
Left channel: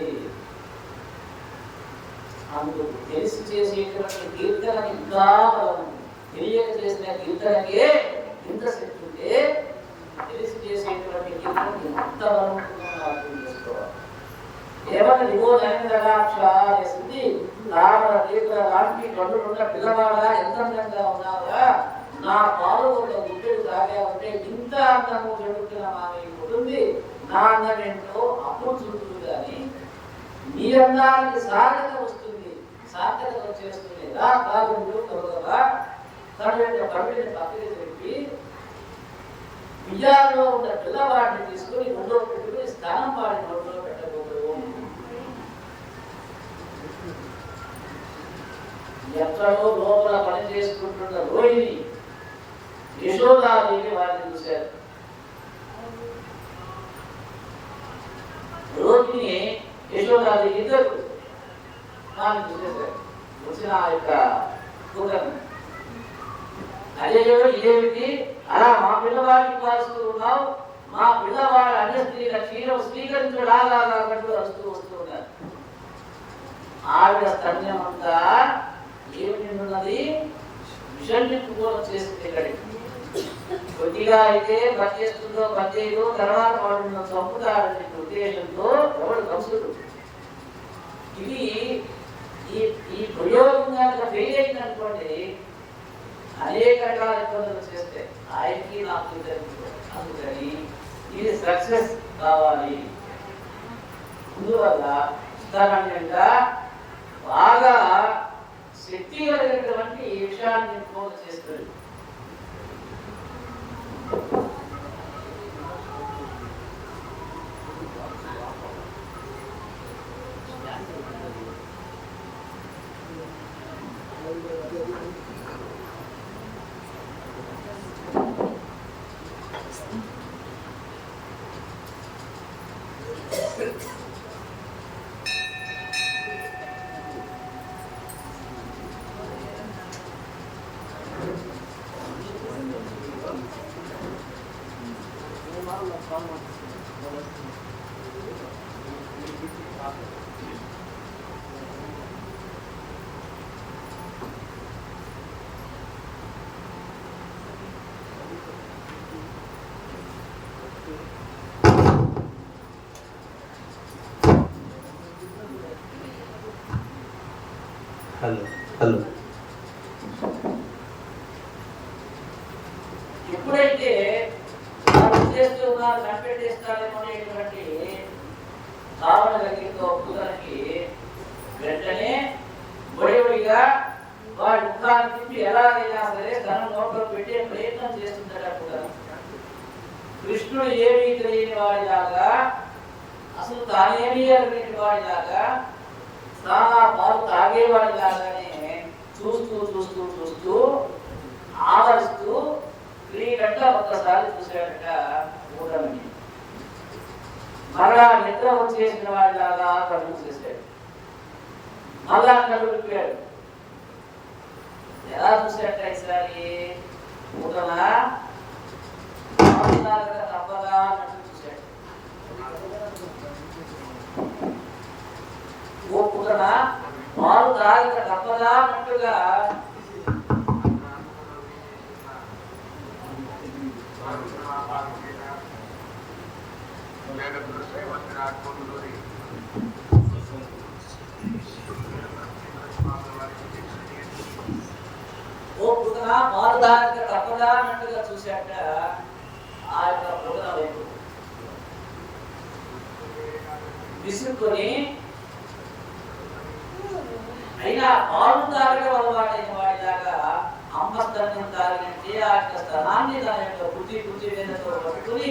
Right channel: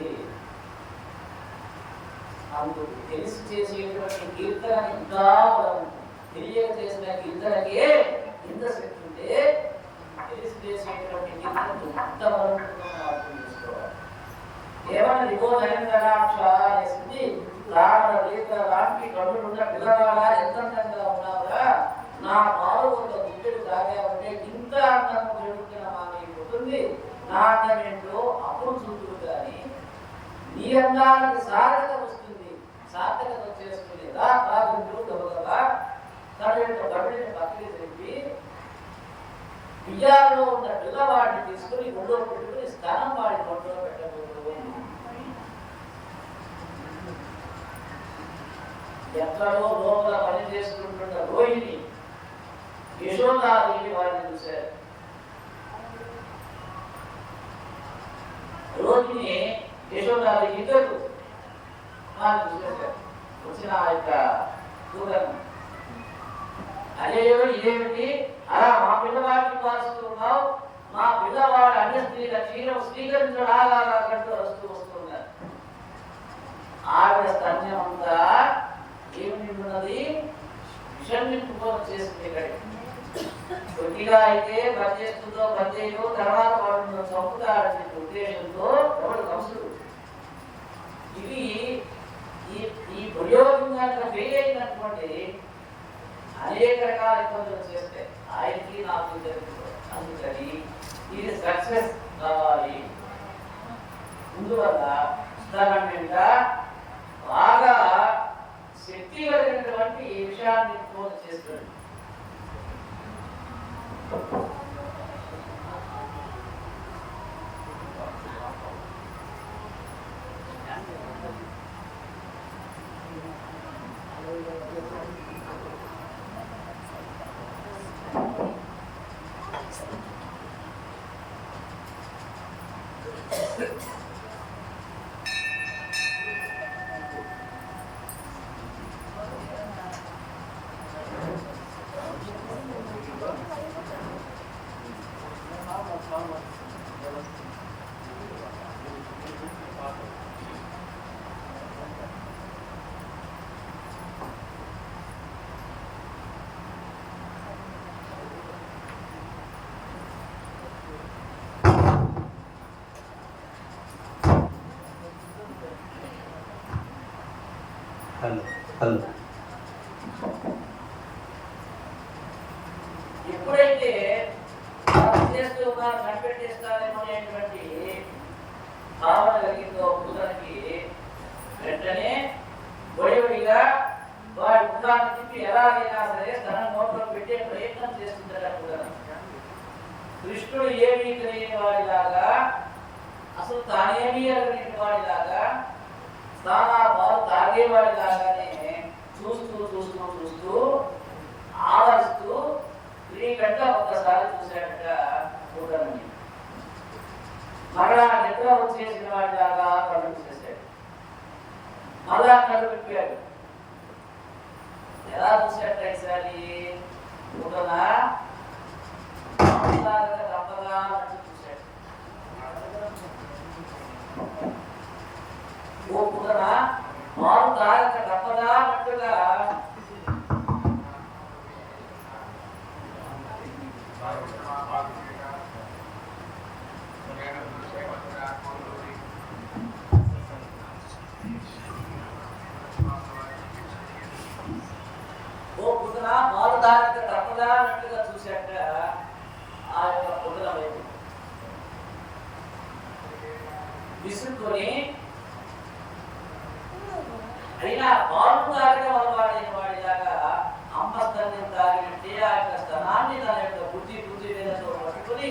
అందుకు తెలిసి చేసేటువంటి కీర్తన ఇంకా తెలియక చేసిన కీర్తనకే ఇంత శక్తి ఉంటే తెలిసి చేసేటువంటి కీర్తన ఎంత బలం అర్థం చేసుకోవాలి. ఏమన్నా లాంటి కన్నులున్న పిల్లవాడా ఎంత అందంగా ఉన్నావురా, నా పాలు ఒక గుడ్డెడు తాగావంటే ఇంత అందము జరుగుతున్న మామయ్య పుట్టింది, నా అన్నమేంటో అప్పుడు చూస్తుంది. కానీ నీ అందానికి సాధన వస్తుంది, సాధన వచ్చేస్తుంది. రా తాగుంటూ త్వరగా తన యొక్క కవిని పక్కకి చెప్పి బియ్యాల్లో ఉన్న పిల్లవాడిని తీసుకుని ఒళ్ళో పెట్టుకుని స్థానం వాడి ఒళ్ళో పెట్టకూడదు. ఎక్కడో లోపల పని చేసుకుంటున్న రోహిణి యశోదాదేవి వాళ్ళని చూశారు. రోహిణి యశోదాదేవి ఇద్దరు వాళ్ళని చూసేశారు. వచ్చిన ఆ యొక్క కూతుర్ని అదేదో ఇదేమిటి అలా మా పిల్లవాడిని కాస్తూ ఉన్నావు, మా పిల్లవాడి అన్ని స్త్రీల క్షీరం స్వీకరించడం ఆగాలంటూ వస్తూ ఉన్నారు. ఆవిడ స్తన్యం అంతా ఏమి ఉన్నది? విషం నింపుకోవడం చేస్తుంది. ఇక్కడికి కొద్దిగా అయితే పనిచేస్తుందో పనిచేయదో తర్వాత వాడు చంపుతాడని ఉద్దేశంతో ఎవరు కంసుడు. ఇది ఈ ప్రయోగం కనుక ఫెయిల్ అయిందనుకోండి అనేక రకాల ఇబ్బందులు చేస్తే ఆయనకి నాకు అందుకని ఇది సక్సెస్ కావాలి. అందువల్ల సాధారణంగా బాగా శక్తి కలిగినటువంటి విషయాన్ని ఫోన్ చేస్తుంది. ఎప్పుడైతే చేస్తూ ఉన్నారు కనిపెట్టేస్తారేమో అనేటువంటి భావన కలిగిందో కూతురికి వెంటనే ఒడిగా వాడి ముఖాన్ని తిప్పి ఎలాగైనా సరే తన నోట్లో పెట్టే ప్రయత్నం చేస్తుందట కూతురు. కృష్ణుడు ఏమీ తెలియని వాడిలాగా, అసలు తానేమీ అడిగిన వాడిలాగా, తాను పాలు తాగేవాడిలాగానే చూస్తూ చూస్తూ చూస్తూ ఆదరిస్తూ గంట ఒక్కసారి చూసాడట కూటమి. మరలా నిద్ర వచ్చేసిన వాడిలాగా కడుపు చేశాడు. మళ్ళా కడుపు విప్పాడు. ఎలా చూసాడట ఈసారి కూటన తప్పగా అన్నట్టు చూశాడు. ఓ కూటన పాలు తాగక తప్పదా అన్నట్టుగా ఓ పుదన పాలు తాగక తప్పదా అన్నట్టుగా చూశాట. ఆ యొక్క పుదన విసురుకొని అయినా పాలు తాగే వాడైన వాడిలాగా అమ్మస్తన్యం తాగినట్టే ఆ యొక్క స్థానాన్ని తన యొక్క బుద్ధి వేదనతో పట్టుకుని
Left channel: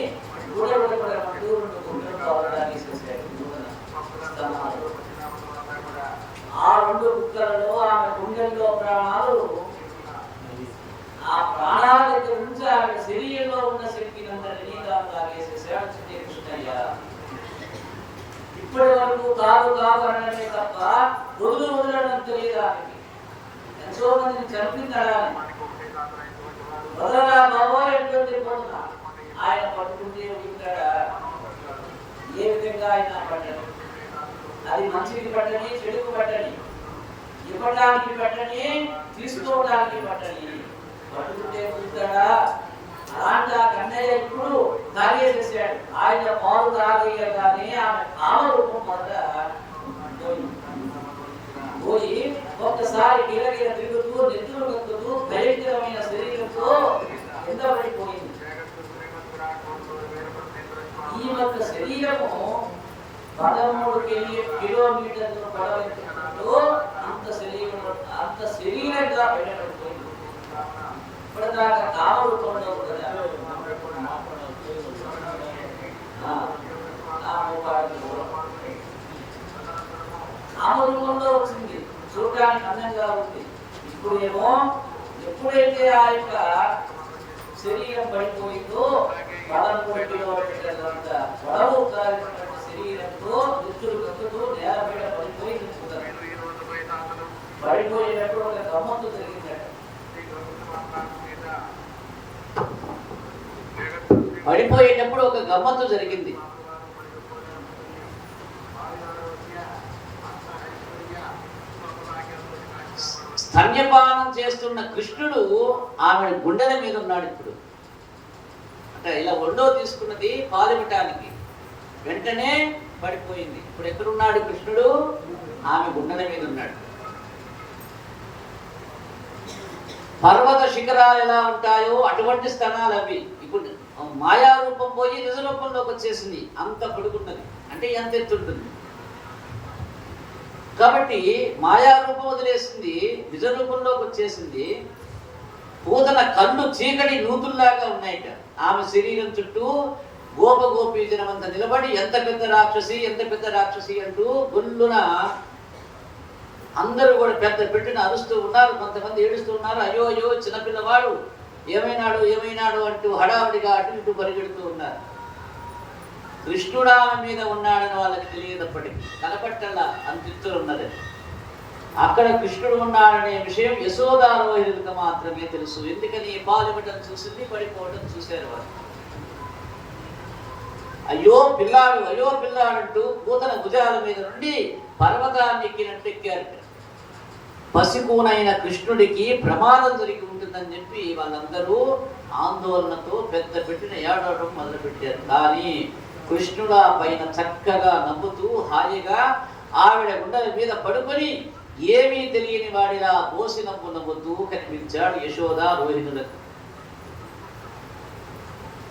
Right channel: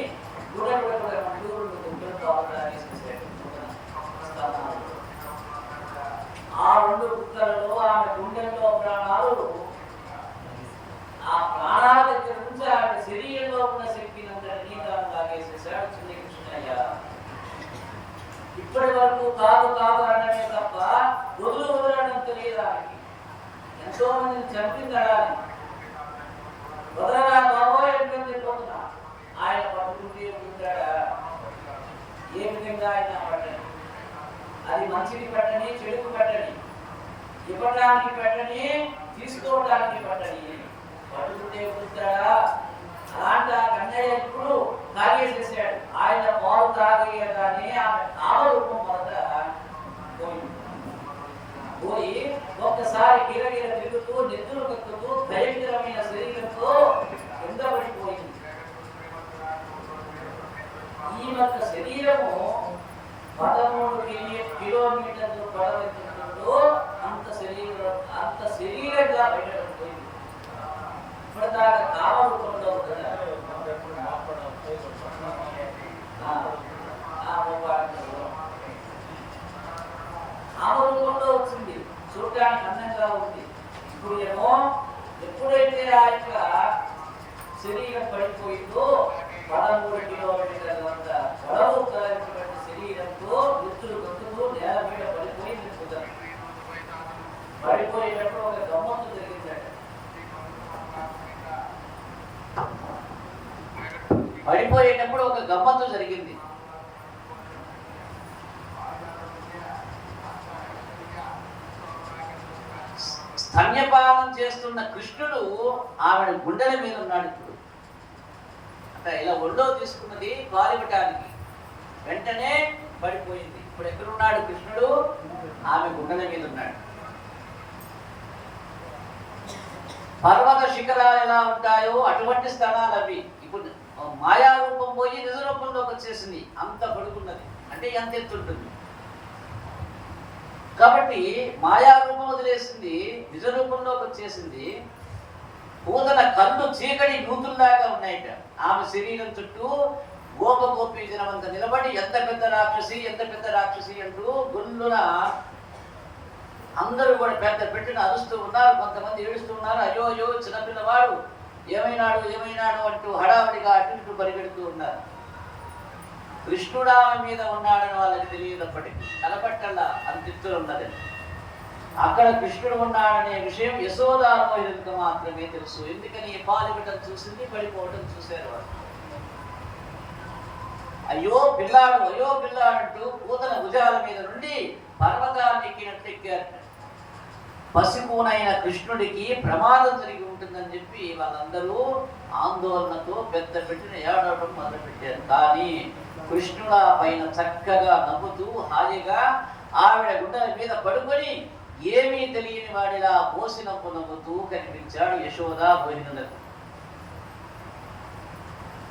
ఆ రెండు కుక్కలలో ఆమె గుండెల్లో ప్రాణాలు, ఆ ప్రాణాల దగ్గర నుంచి ఆమె శరీరంలో ఉన్న శక్తిని అంతటినీ తాను తాగేసేసాడు కృష్ణయ్య. ఇప్పటి వరకు కాదు అనడమే తప్ప వదలడం తెలియదు. ఆమెకి ఎంతో మందిని చంపిందడానికి వదలరా బాబో ఎట్లా తిరిగిపోతున్నా ఆయన పట్టుకుంటే ఉంటాడా? ఏ విధంగా ఆయన పట్టని, అది మంచికి పట్టని చెడుకు పట్టని, ఇవ్వడానికి పట్టని తీసుకోవడానికి పట్టని, పట్టుకుంటే ఉంటాడా? అలాంటి ఆ కన్నయ్య ఇప్పుడు తాగేసేసాడు. ఆయన పాలు తాగేయగానే ఆమె కామరూపం మొదట పోయి ఒక్కసారి గిరగిర తిరుగుతూ నెత్తులు కక్కుతూ భయంకరమైన శరీరంతో ఎంత పడిపోయింది. ఈ యొక్క శరీరము 13 కిలోమీటర్లు పడవెత్తుకుంటూ అంత శరీరంగా పెట్టబడిపోయింది. ఇప్పటిదాకా కామరూపంలో కామరూపంలో వచ్చింది, చూడడానికి అందంగా ఉంది. ఇప్పుడు ఏమో ఎప్పుడైతే ఆ యొక్క శరీరం పడిపోయిందో 13 కిలోమీటర్లంత పొడవు కలిగినటువంటి శరీరంతో దుస్తులు కక్కుతూ నేల మీద పడిపోయి నిలుపుతారు. పడిపోయేటప్పుడు ఒక గమ్మత్తు జరిగిందట. పడిపోయేటప్పుడు ఒక గమ్మత్తు జరిగింది. స్తన్యపానం చేస్తున్న కృష్ణుడు ఆమె గుండెల మీద ఉన్నాడు. ఇప్పుడు అంటే ఇలా ఒళ్ళో తీసుకున్నది పాలివ్వటానికి, వెంటనే పడిపోయింది. ఇప్పుడు ఎక్కడున్నాడు కృష్ణుడు? ఆమె గుండెల మీద ఉన్నాడు. పర్వత శిఖరాలు ఎలా ఉంటాయో అటువంటి స్థలాలు అవి. ఇప్పుడు మాయా రూపం పోయి నిజ రూపంలోకి వచ్చేసింది. అంత పడుకున్నది అంటే ఎంత ఎత్తుంటుంది. కాబట్టి మాయా రూపం వదిలేసింది, నిజ రూపంలోకి వచ్చేసింది. పూతన కళ్ళు చీకటి నూతుల్లాగా ఉన్నాయట. ఆమె శరీరం చుట్టూ గోపగోపీజనమంతా నిలబడి ఎంత పెద్ద రాక్షసి అంటూ గుళ్ళున అందరూ కూడా పెద్ద పెట్టిన అరుస్తూ ఉన్నారు. కొంతమంది ఏడుస్తూ ఉన్నారు. అయ్యో అయ్యో చిన్నపిల్లవాడు ఏమైనాడు అంటూ హడావుడిగా అటు ఇటు పరిగెడుతూ ఉన్నారు. కృష్ణుడు ఆమె మీద ఉన్నాడని వాళ్ళకి తెలియదప్పటికీ, కలపట్టల్లా అంతిత్తులు ఉన్నది. అక్కడ కృష్ణుడు ఉన్నాడనే విషయం యశోదారోహితులకు మాత్రమే తెలుసు. ఎందుకని పాలివ్వటం చూసింది, పడిపోవటం చూశారు వాళ్ళు. అయ్యో పిల్లాడు అంటూ పూతన భుజాల మీద నుండి పర్వతాన్ని ఎక్కినట్టు ఎక్కారు. పసికూనైన కృష్ణుడికి ప్రమాదం జరిగి ఉంటుందని చెప్పి వాళ్ళందరూ ఆందోళనతో పెద్ద పెట్టిన ఏడవటం మొదలుపెట్టారు. కానీ కృష్ణుడు ఆ పైన చక్కగా నవ్వుతూ హాయిగా ఆవిడ గుండెల మీద పడుకొని ఏమీ తెలియని వాడిలా పోసి నవ్వుతూ కనిపించాడు యశోద రోహిణులకు.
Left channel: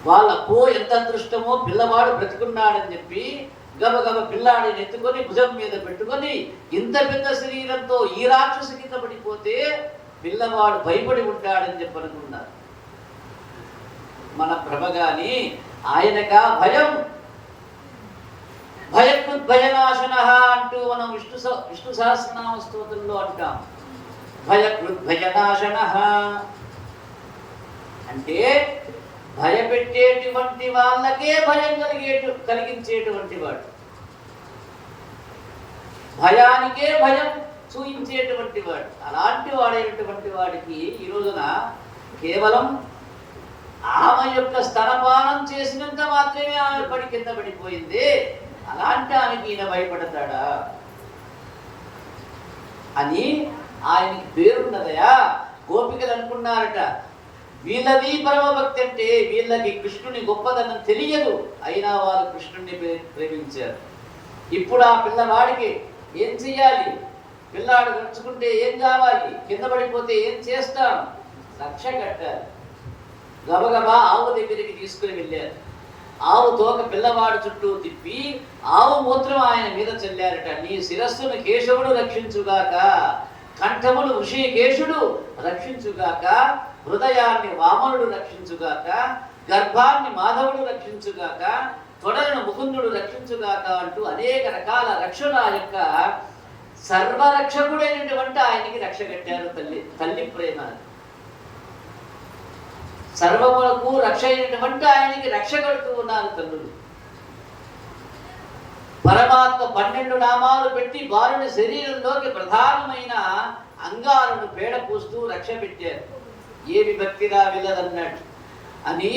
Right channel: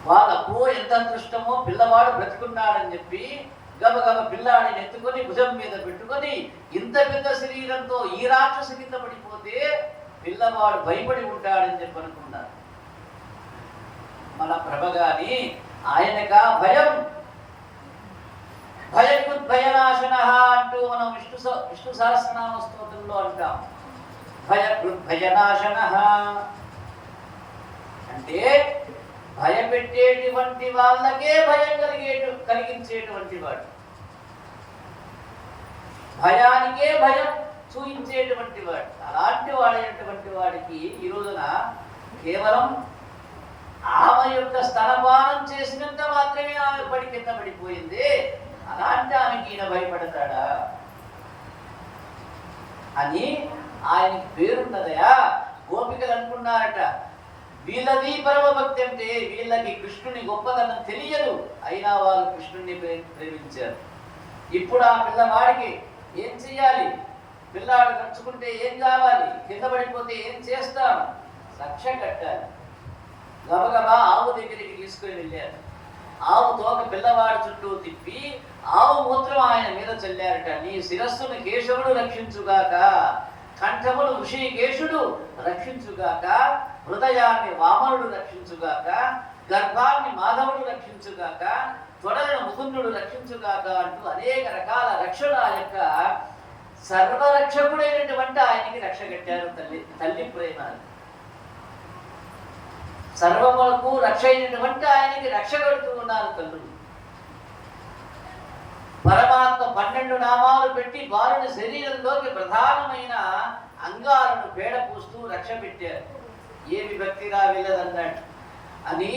వాళ్ళకు ఎంత అదృష్టమో, పిల్లవాడు బ్రతికున్నాడని చెప్పి గబగబ పిల్లాడిని ఎత్తుకొని భుజం మీద పెట్టుకొని, ఇంత పెద్ద శరీరంతో ఈ రాక్షసు కింద పడిపోతే పిల్లవాడు భయపడి ఉంటాడని చెప్పి అనుకున్నారు. మన ప్రభ గాని ఆయనగా భయనాశన అంటూ మనం విష్ణు సహస్రనామ స్తోత్రంలో అంటాం. భయనాశన అంటే భయపెట్టేటువంటి వాళ్ళకే భయం కలిగించేటువంటి వాడు, భయానికే భయం చూయించేటువంటి వాడు. అలాంటి వాడైనటువంటి వాడికి ఈ రోజున కేవలం ఆమె యొక్క స్తనపానం చేసినంత మాత్రమే ఆమె కింద పడిపోయింది. అలాంటి ఆమెకి ఈయన భయపడతాడా అని ఆయనకి పేరున్నదయా. గోపికలు అనుకున్నారట, వీళ్ళది పరమభక్తి అంటే వీళ్ళకి కృష్ణుని గొప్పదనం తెలియదు, అయినా వాళ్ళు కృష్ణుడిని ప్రేమించారు. ఇప్పుడు ఆ పిల్లవాడికి ఏం చెయ్యాలి? పిల్లాడు గడుచుకుంటే ఏం కావాలి? కింద పడిపోతే ఏం చేస్తాం? రక్ష కట్టాలి. గబగబా ఆవు దగ్గరికి తీసుకుని వెళ్ళారు. ఆవు తోక పిల్లవాడు చుట్టూ తిప్పి ఆవు మూత్రం ఆయన మీద చల్లారట. నీ శిరస్సును కేశవుడు రక్షించుగాక, కంఠమును ఋషికేశుడు రక్షించుగాక, హృదయాన్ని వామనుడు రక్షించుగాక, గర్భాన్ని మాధవుడు రక్షించుగాక, తొడలను ముకుందుడు రక్షించుగాక అంటూ అనేక రకాల రక్షణ యొక్క సర్వరక్షకుడైనటువంటి ఆయనకి రక్ష కట్టారు. తల్లి ప్రేమ సర్వములకు రక్ష అయినటువంటి ఆయనకి రక్ష కడుతూ ఉన్నారు తల్లులు. పరమాత్మ 12 నామాలు పెట్టి బాలుని శరీరంలోకి ప్రధానమైన అంగాలను పేడ పూస్తూ రక్ష పెట్టారు. ఏ విభక్తిగా వెళ్ళదన్నట్టు అని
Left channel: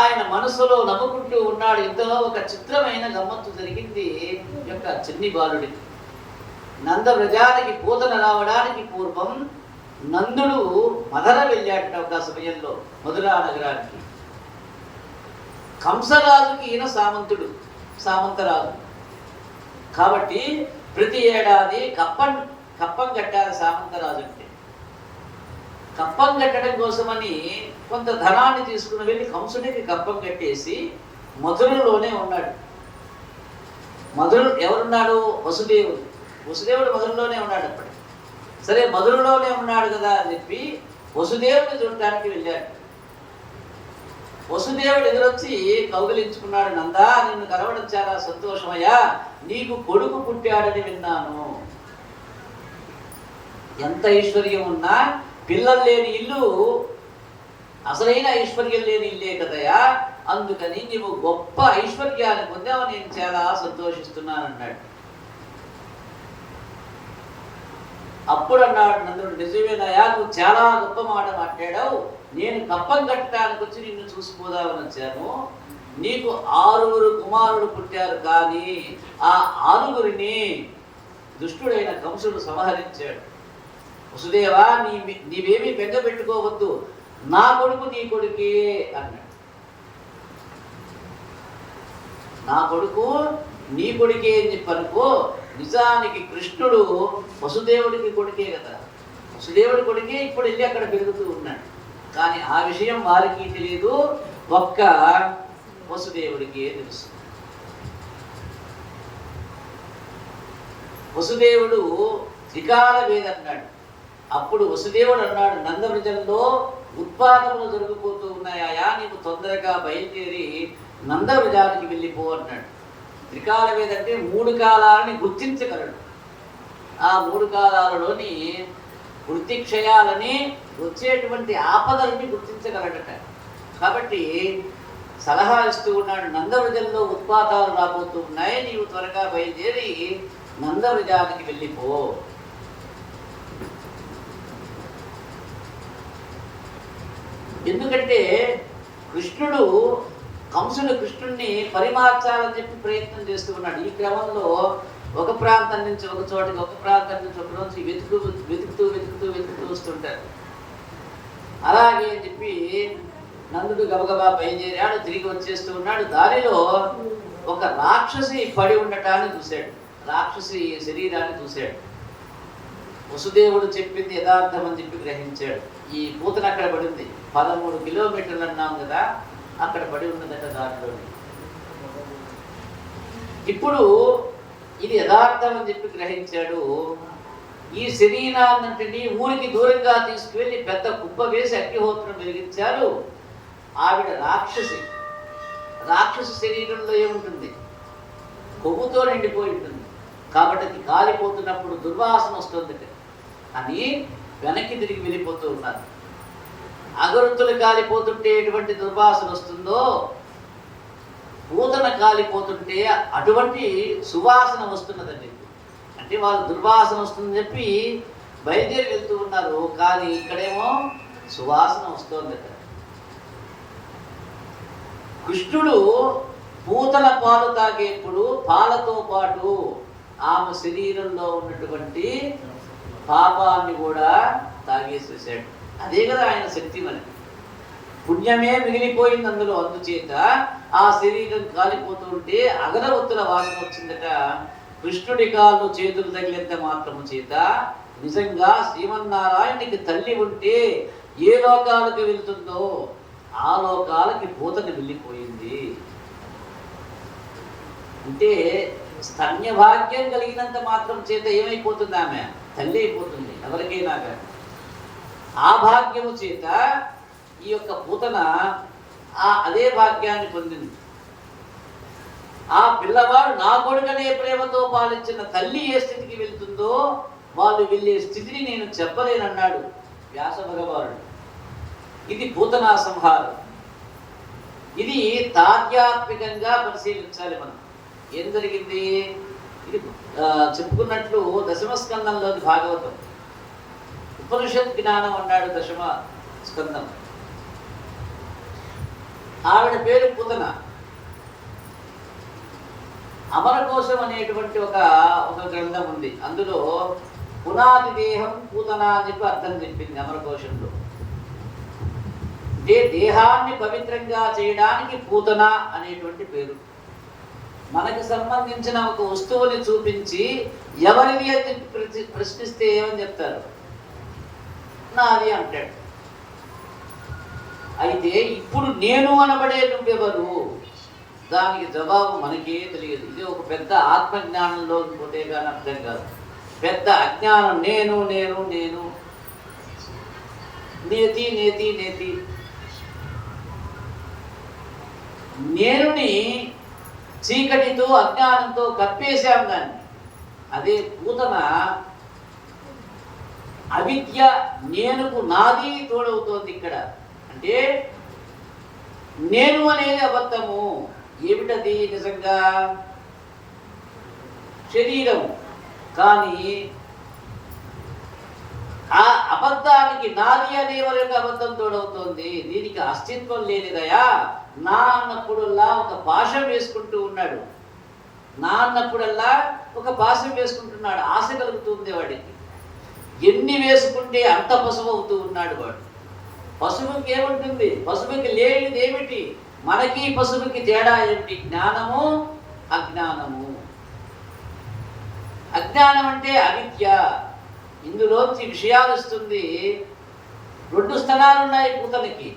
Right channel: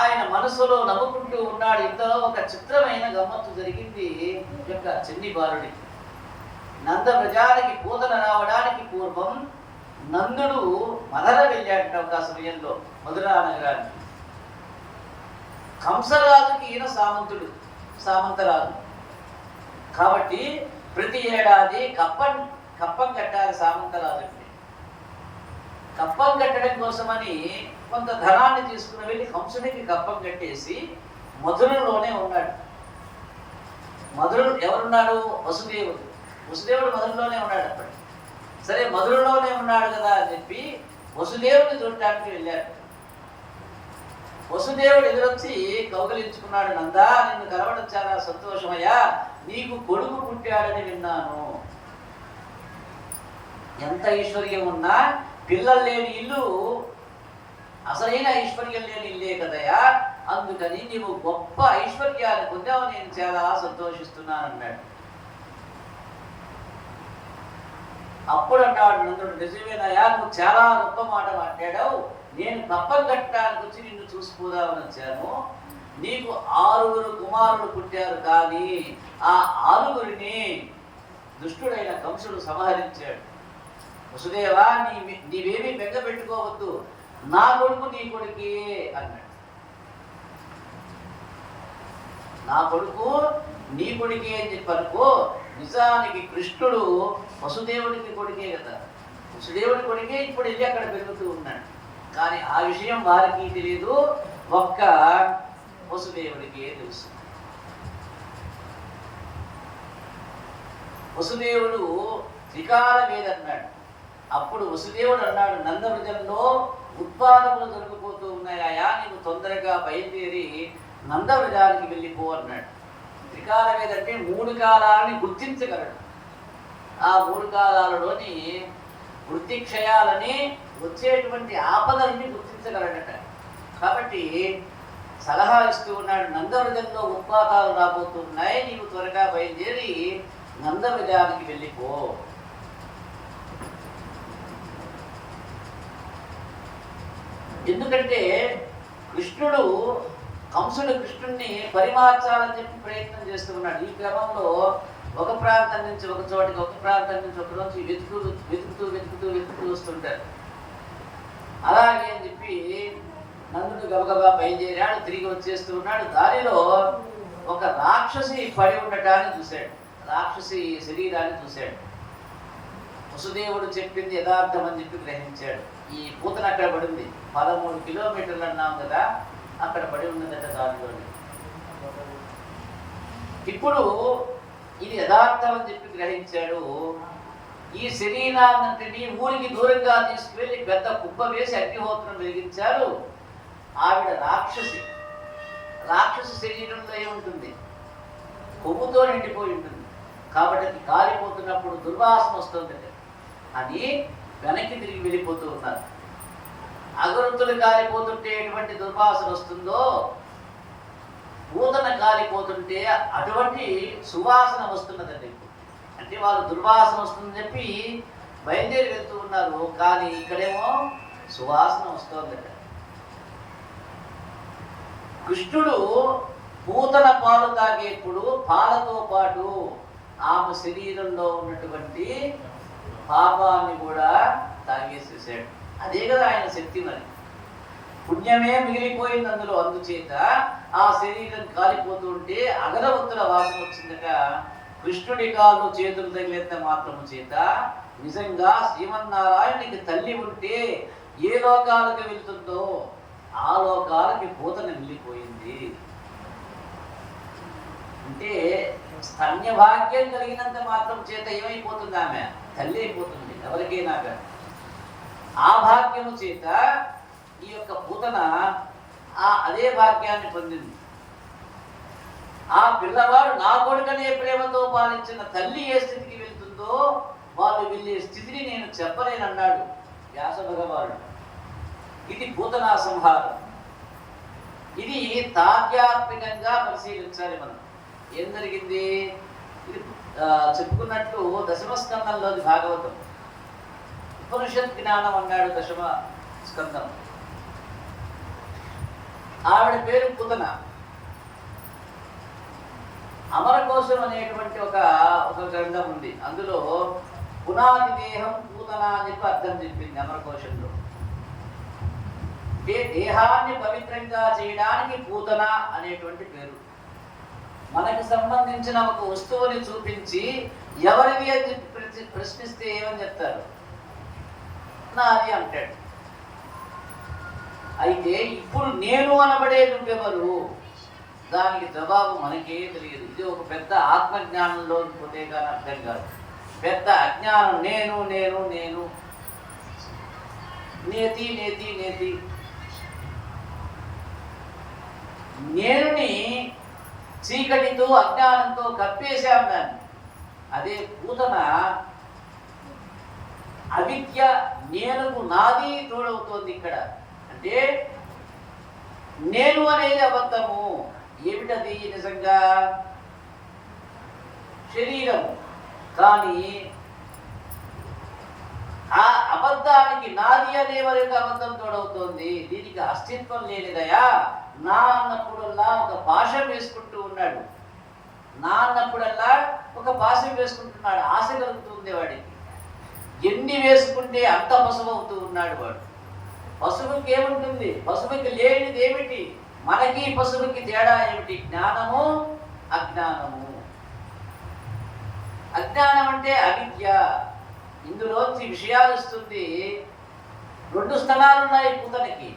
ఆయన మనసులో నవ్వుకుంటూ ఉన్నాడు. ఇంతలో ఒక చిత్రమైన గమ్మత్తు జరిగింది యొక్క చిన్ని బాలుడికి. నంద వ్రజానికి పూతన రావడానికి పూర్వం నందుడు మధుర వెళ్ళాడట ఒక సమయంలో, మధురా నగరానికి. కంసరాజుకి ఈయన సామంతరాజు కాబట్టి ప్రతి ఏడాది కప్పం కట్టాలి సామంతరాజు అంటే. కప్పం కట్టడం కోసమని కొంత ధనాన్ని తీసుకుని వెళ్ళి కంసుడికి కప్పం కట్టేసి మధురలోనే ఉన్నాడు. ఎవరున్నాడు? వసుదేవుడు మధురలోనే ఉన్నాడు అప్పుడు. సరే, మధురలోనే ఉన్నాడు కదా అని చెప్పి వసుదేవుడిని చూడటానికి వెళ్ళాడు. వసుదేవుడు ఎదురొచ్చి కౌగిలించుకున్నాడు. నందా, నిన్ను కలవడం చాలా సంతోషమయ్యా, నీకు కొడుకు పుట్టాడని విన్నాను. ఎంత ఐశ్వర్యం ఉన్నా పిల్లలు లేని ఇల్లు అసలైన ఐశ్వర్యం లేని ఇల్లే కదయా, అందుకని నీవు గొప్ప ఐశ్వర్యాన్ని పొందావు, నేను చాలా సంతోషిస్తున్నాను అన్నాడు. అప్పుడు అన్నాడు నందుడు, నిజమేనాయా, నువ్వు చాలా గొప్ప మాట మాట్లాడావు. నేను కప్పం కట్టడానికి వచ్చి నిన్ను చూసిపోదామని వచ్చాను. నీకు 6 కుమారులు పుట్టారు, కానీ ఆ 6 దుష్టుడైన కంసుడు సంహరించాడు. వసుదేవా, నీవేమీ బెంగ పెట్టుకోవద్దు, నా కొడుకు నీ కొడుకే అన్నాడు. నా కొడుకు నీ కొడుకే అని చెప్పనుకో. నిజానికి కృష్ణుడు వసుదేవుడికి కొడుకే కదా, వసుదేవుడి కొడుకే ఇప్పుడు వెళ్ళి అక్కడ పెరుగుతూ ఉన్నాడు. కానీ ఆ విషయం వారికి తెలియదు, ఒక్క వసుదేవుడికే తెలుసు. వసుదేవుడు త్రికాల వేద అన్నాడు. అప్పుడు వసుదేవుడు అన్నాడు, నందవ్రజంలో ఉత్పాదములు జరిగిపోతూ ఉన్నాయా, నీకు తొందరగా బయలుదేరి నందవ్రజానికి వెళ్ళిపో అన్నాడు. త్రికాల వేద అంటే 3 కాలాలని గుర్తించగలడు. ఆ 3 కాలాలలోని వృత్తిక్షయాలని, వచ్చేటువంటి ఆపదలని గుర్తించగలడట. కాబట్టి సలహా ఇస్తూ ఉన్నాడు, నందవ్రజంలో ఉత్పాతాలు రాబోతూ ఉన్నాయి, నీవు త్వరగా బయలుదేరి నందవ్రజానికి వెళ్ళిపో. ఎందుకంటే కంసుడు కృష్ణుడిని పరిమార్చాలని చెప్పి ప్రయత్నం చేస్తూ ఉన్నాడు. ఈ క్రమంలో ఒక ప్రాంతం నుంచి ఒక చోటకి, ఒక ప్రాంతం నుంచి ఒక నుంచి వెతుకుతూ వస్తుంటారు. అలాగే అని చెప్పి నందుడు గబగబా బయలుదేరాడు, తిరిగి వచ్చేస్తూ ఉన్నాడు. దారిలో ఒక రాక్షసి పడి ఉండటాన్ని చూశాడు, రాక్షసి శరీరాన్ని చూశాడు. వసుదేవుడు చెప్పింది యథార్థం అని చెప్పి గ్రహించాడు. ఈ పూతన అక్కడ పడింది, 13 కిలోమీటర్లు అన్నాం కదా, అక్కడ పడి ఉన్నదట దారిలోనే. ఇప్పుడు ఇది యథార్థం అని చెప్పి గ్రహించాడు. ఈ శరీరాన్నంటిని ఊరికి దూరంగా తీసుకువెళ్ళి పెద్ద కుప్ప వేసి అగ్నిహోత్రం వెలిగించారు. ఆవిడ రాక్షసి శరీరంలో ఏముంటుంది? కొవ్వుతో నిండిపోయి ఉంటుంది. కాబట్టి అది కాలిపోతున్నప్పుడు దుర్వాసన వస్తుంది అని వెనక్కి తిరిగి వెళ్ళిపోతూ ఉన్నారు. అగరొత్తులు కాలిపోతుంటే ఎటువంటి దుర్వాసన వస్తుందో, పూతన కాలిపోతుంటే అటువంటి సువాసన వస్తున్నదండి. ఇప్పుడు అంటే వాళ్ళు దుర్వాసన వస్తుందని చెప్పి బయలుదేరి వెళ్తూ ఉన్నారు, కానీ ఇక్కడేమో సువాసన వస్తోందట. కృష్ణుడు పూతన పాలు తాగేప్పుడు పాలతో పాటు ఆమె శరీరంలో ఉన్నటువంటి పాపాన్ని కూడా తాగేసేసాడు. అదే కదా ఆయన శక్తి. మరి పుణ్యమే మిగిలిపోయింది అందులో. అందుచేత ఆ శరీరం కాలిపోతూ ఉంటే అగరవత్తుల వాసన వచ్చిందట. కృష్ణుడి కాళ్ళు చేతులు తగిలేంత మాత్రము చేత నిజంగా శ్రీమన్నారాయణుడికి తల్లి ఉంటే ఏ లోకాలకు వెళ్తుందో ఆ లోకాలకి పూతన వెళ్ళిపోయింది. అంటే స్తన్య భాగ్యం కలిగినంత మాత్రం చేత ఏమైపోతుంది? ఆమె తల్లి అయిపోతుంది ఎవరికైనా. ఆ భాగ్యము చేత ఈ యొక్క పూతన అదే భాగ్యాన్ని పొందింది. ఆ పిల్లవాడు నా కొడుకనే ప్రేమతో పాలించిన తల్లి ఏ స్థితికి వెళ్తుందో వాళ్ళు వెళ్ళే స్థితిని నేను చెప్పలేనన్నాడు వ్యాస భగవానుడు. ఇది పూతనా సంహారం. ఇది తాధ్యాత్మికంగా పరిశీలించాలి మనం. ఏం జరిగింది? ఇది చెప్పుకున్నట్లు దశమ స్కందంలోది భాగవతం. ఉపనిషత్ జ్ఞానం అన్నాడు స్కందం. ఆవిడ పేరు పూతన. అమరకోశం అనేటువంటి ఒక గ్రంథం ఉంది. అందులో పునాది దేహం పూతన అని చెప్పి అర్థం చెప్పింది అమరకోశంలో. దేహాన్ని పవిత్రంగా చేయడానికి పూతన అనేటువంటి పేరు. మనకు సంబంధించిన ఒక వస్తువుని చూపించి ఎవరిది అని ప్రశ్నిస్తే ఏమని చెప్తారు? నాది అంటాడు. అయితే ఇప్పుడు నేను అనబడే నువ్వెవరు? దానికి జవాబు మనకే తెలియదు. ఇది ఒక పెద్ద ఆత్మజ్ఞానంలోకి పోతే కానీ అర్థం కాదు. పెద్ద అజ్ఞానం. నేను నేను నేను నేతి నేతి నేతి. నేనుని చీకటితో అజ్ఞానంతో కప్పేశాం దాన్ని. అదే పూతన అవిద్య నేనుకు నాది తోడవుతోంది ఇక్కడ. అంటే నేను అనేది అబద్ధము. ఏమిటది? నిజంగా శరీరం. కానీ ఆ అబద్ధానికి నాది అనే వరకు అబద్ధం తోడవుతోంది. దీనికి అస్తిత్వం లేనిదయా. నా అన్నప్పుడల్లా ఒక పాశం వేసుకుంటూ ఉన్నాడు. నా అన్నప్పుడల్లా ఒక పాశం వేసుకుంటున్నాడు. ఆశ కలుగుతుంది వాడికి. ఎన్ని వేసుకుంటే అంత పసుపు అవుతూ ఉన్నాడు వాడు. పసుపుకి ఏముంటుంది? పసుపుకి లేనిది ఏమిటి? మనకి పసుపుకి తేడా ఏమిటి? జ్ఞానము, అజ్ఞానము. అజ్ఞానం అంటే అవిద్య. ఇందులోంచి విషయాలు ఇస్తుంది. 2 స్థనాలు ఉన్నాయి పూతనకి.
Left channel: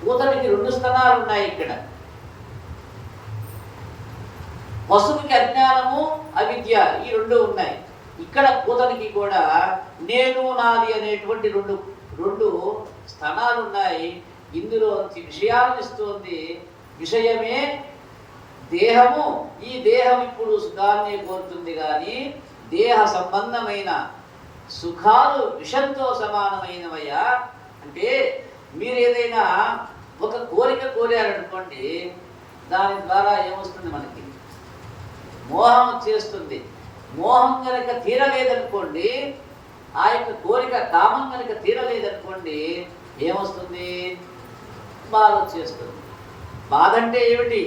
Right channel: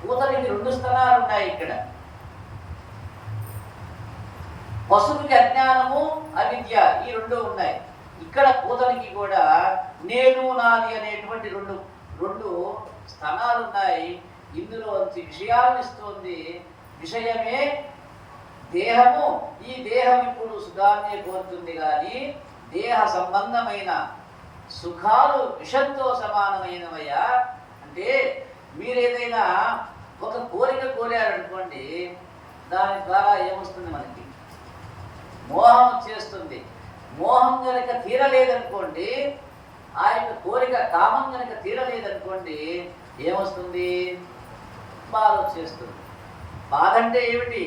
పూతనకి 2 స్థనాలు ఉన్నాయి ఇక్కడ. పసుపుకి అజ్ఞానము, అవిద్య, ఈ 2 ఉన్నాయి. ఇక్కడ పూతనకి కూడా నేను నాది అనేటువంటి రెండు స్థానాలు ఉన్నాయి. ఇందులో విషయాలను ఇస్తుంది. విషయమే దేహము. ఈ దేహం ఇప్పుడు సుఖాన్ని కోరుతుంది, కానీ దేహ సంబంధమైన సుఖాలు విషంతో సమానమైనవయ్యా. అంటే మీరు ఏదైనా ఒక కోరిక కోరారనుకోండి, దాని ద్వారా ఏమొస్తుంది? మనకి మోహం వచ్చేస్తుంది. మోహం కనుక తీరలేదనుకోండి, ఆ యొక్క కోరిక కామం కనుక తీరలేదనుకోండి, ఏమొస్తుంది? బాధ వచ్చేస్తుంది. బాధ అంటే ఏమిటి?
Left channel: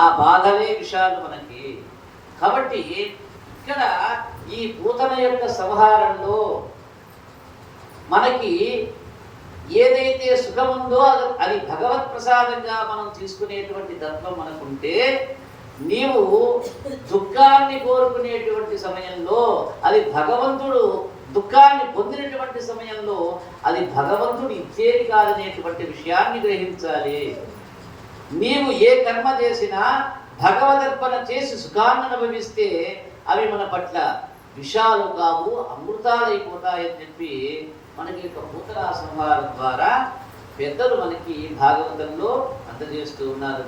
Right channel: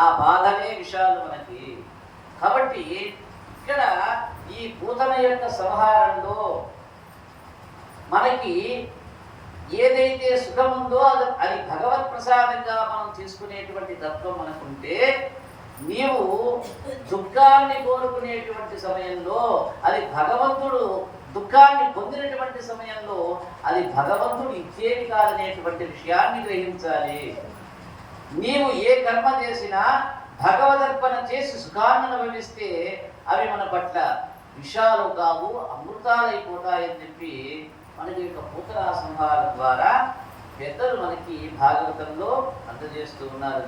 ఆ బాధలే విషయాలు మనకి. కాబట్టి ఇక్కడ ఈ పూతన యొక్క సంహారంలో మనకి ఏదైతే సుఖముందో అది భగవత్ ప్రసాదంగా మనం తీసుకునేటువంటి తత్వం మనకుంటే, నీవు దుఃఖాన్ని కోరుకునేటువంటి సమయంలో అది భగవంతుడు, దుఃఖాన్ని పొందినటువంటి సమయంలో అది భగవంతుడు ఇచ్చేది కాదనేటువంటి విషయాన్ని గ్రహించాలి. నీవు ఏ కర్మ చేసినా భగవదర్పణ చేసి సుఖాన్ని అనుభవిస్తే అవి మన పట్ల విషాలు కావు, అమృతాలైపోతాయని చెప్పి మనకి యొక్క పూతన సంహారం ద్వారా పెద్దలు మనకి భాగవతంలో అందజేస్తూ ఉన్నారు.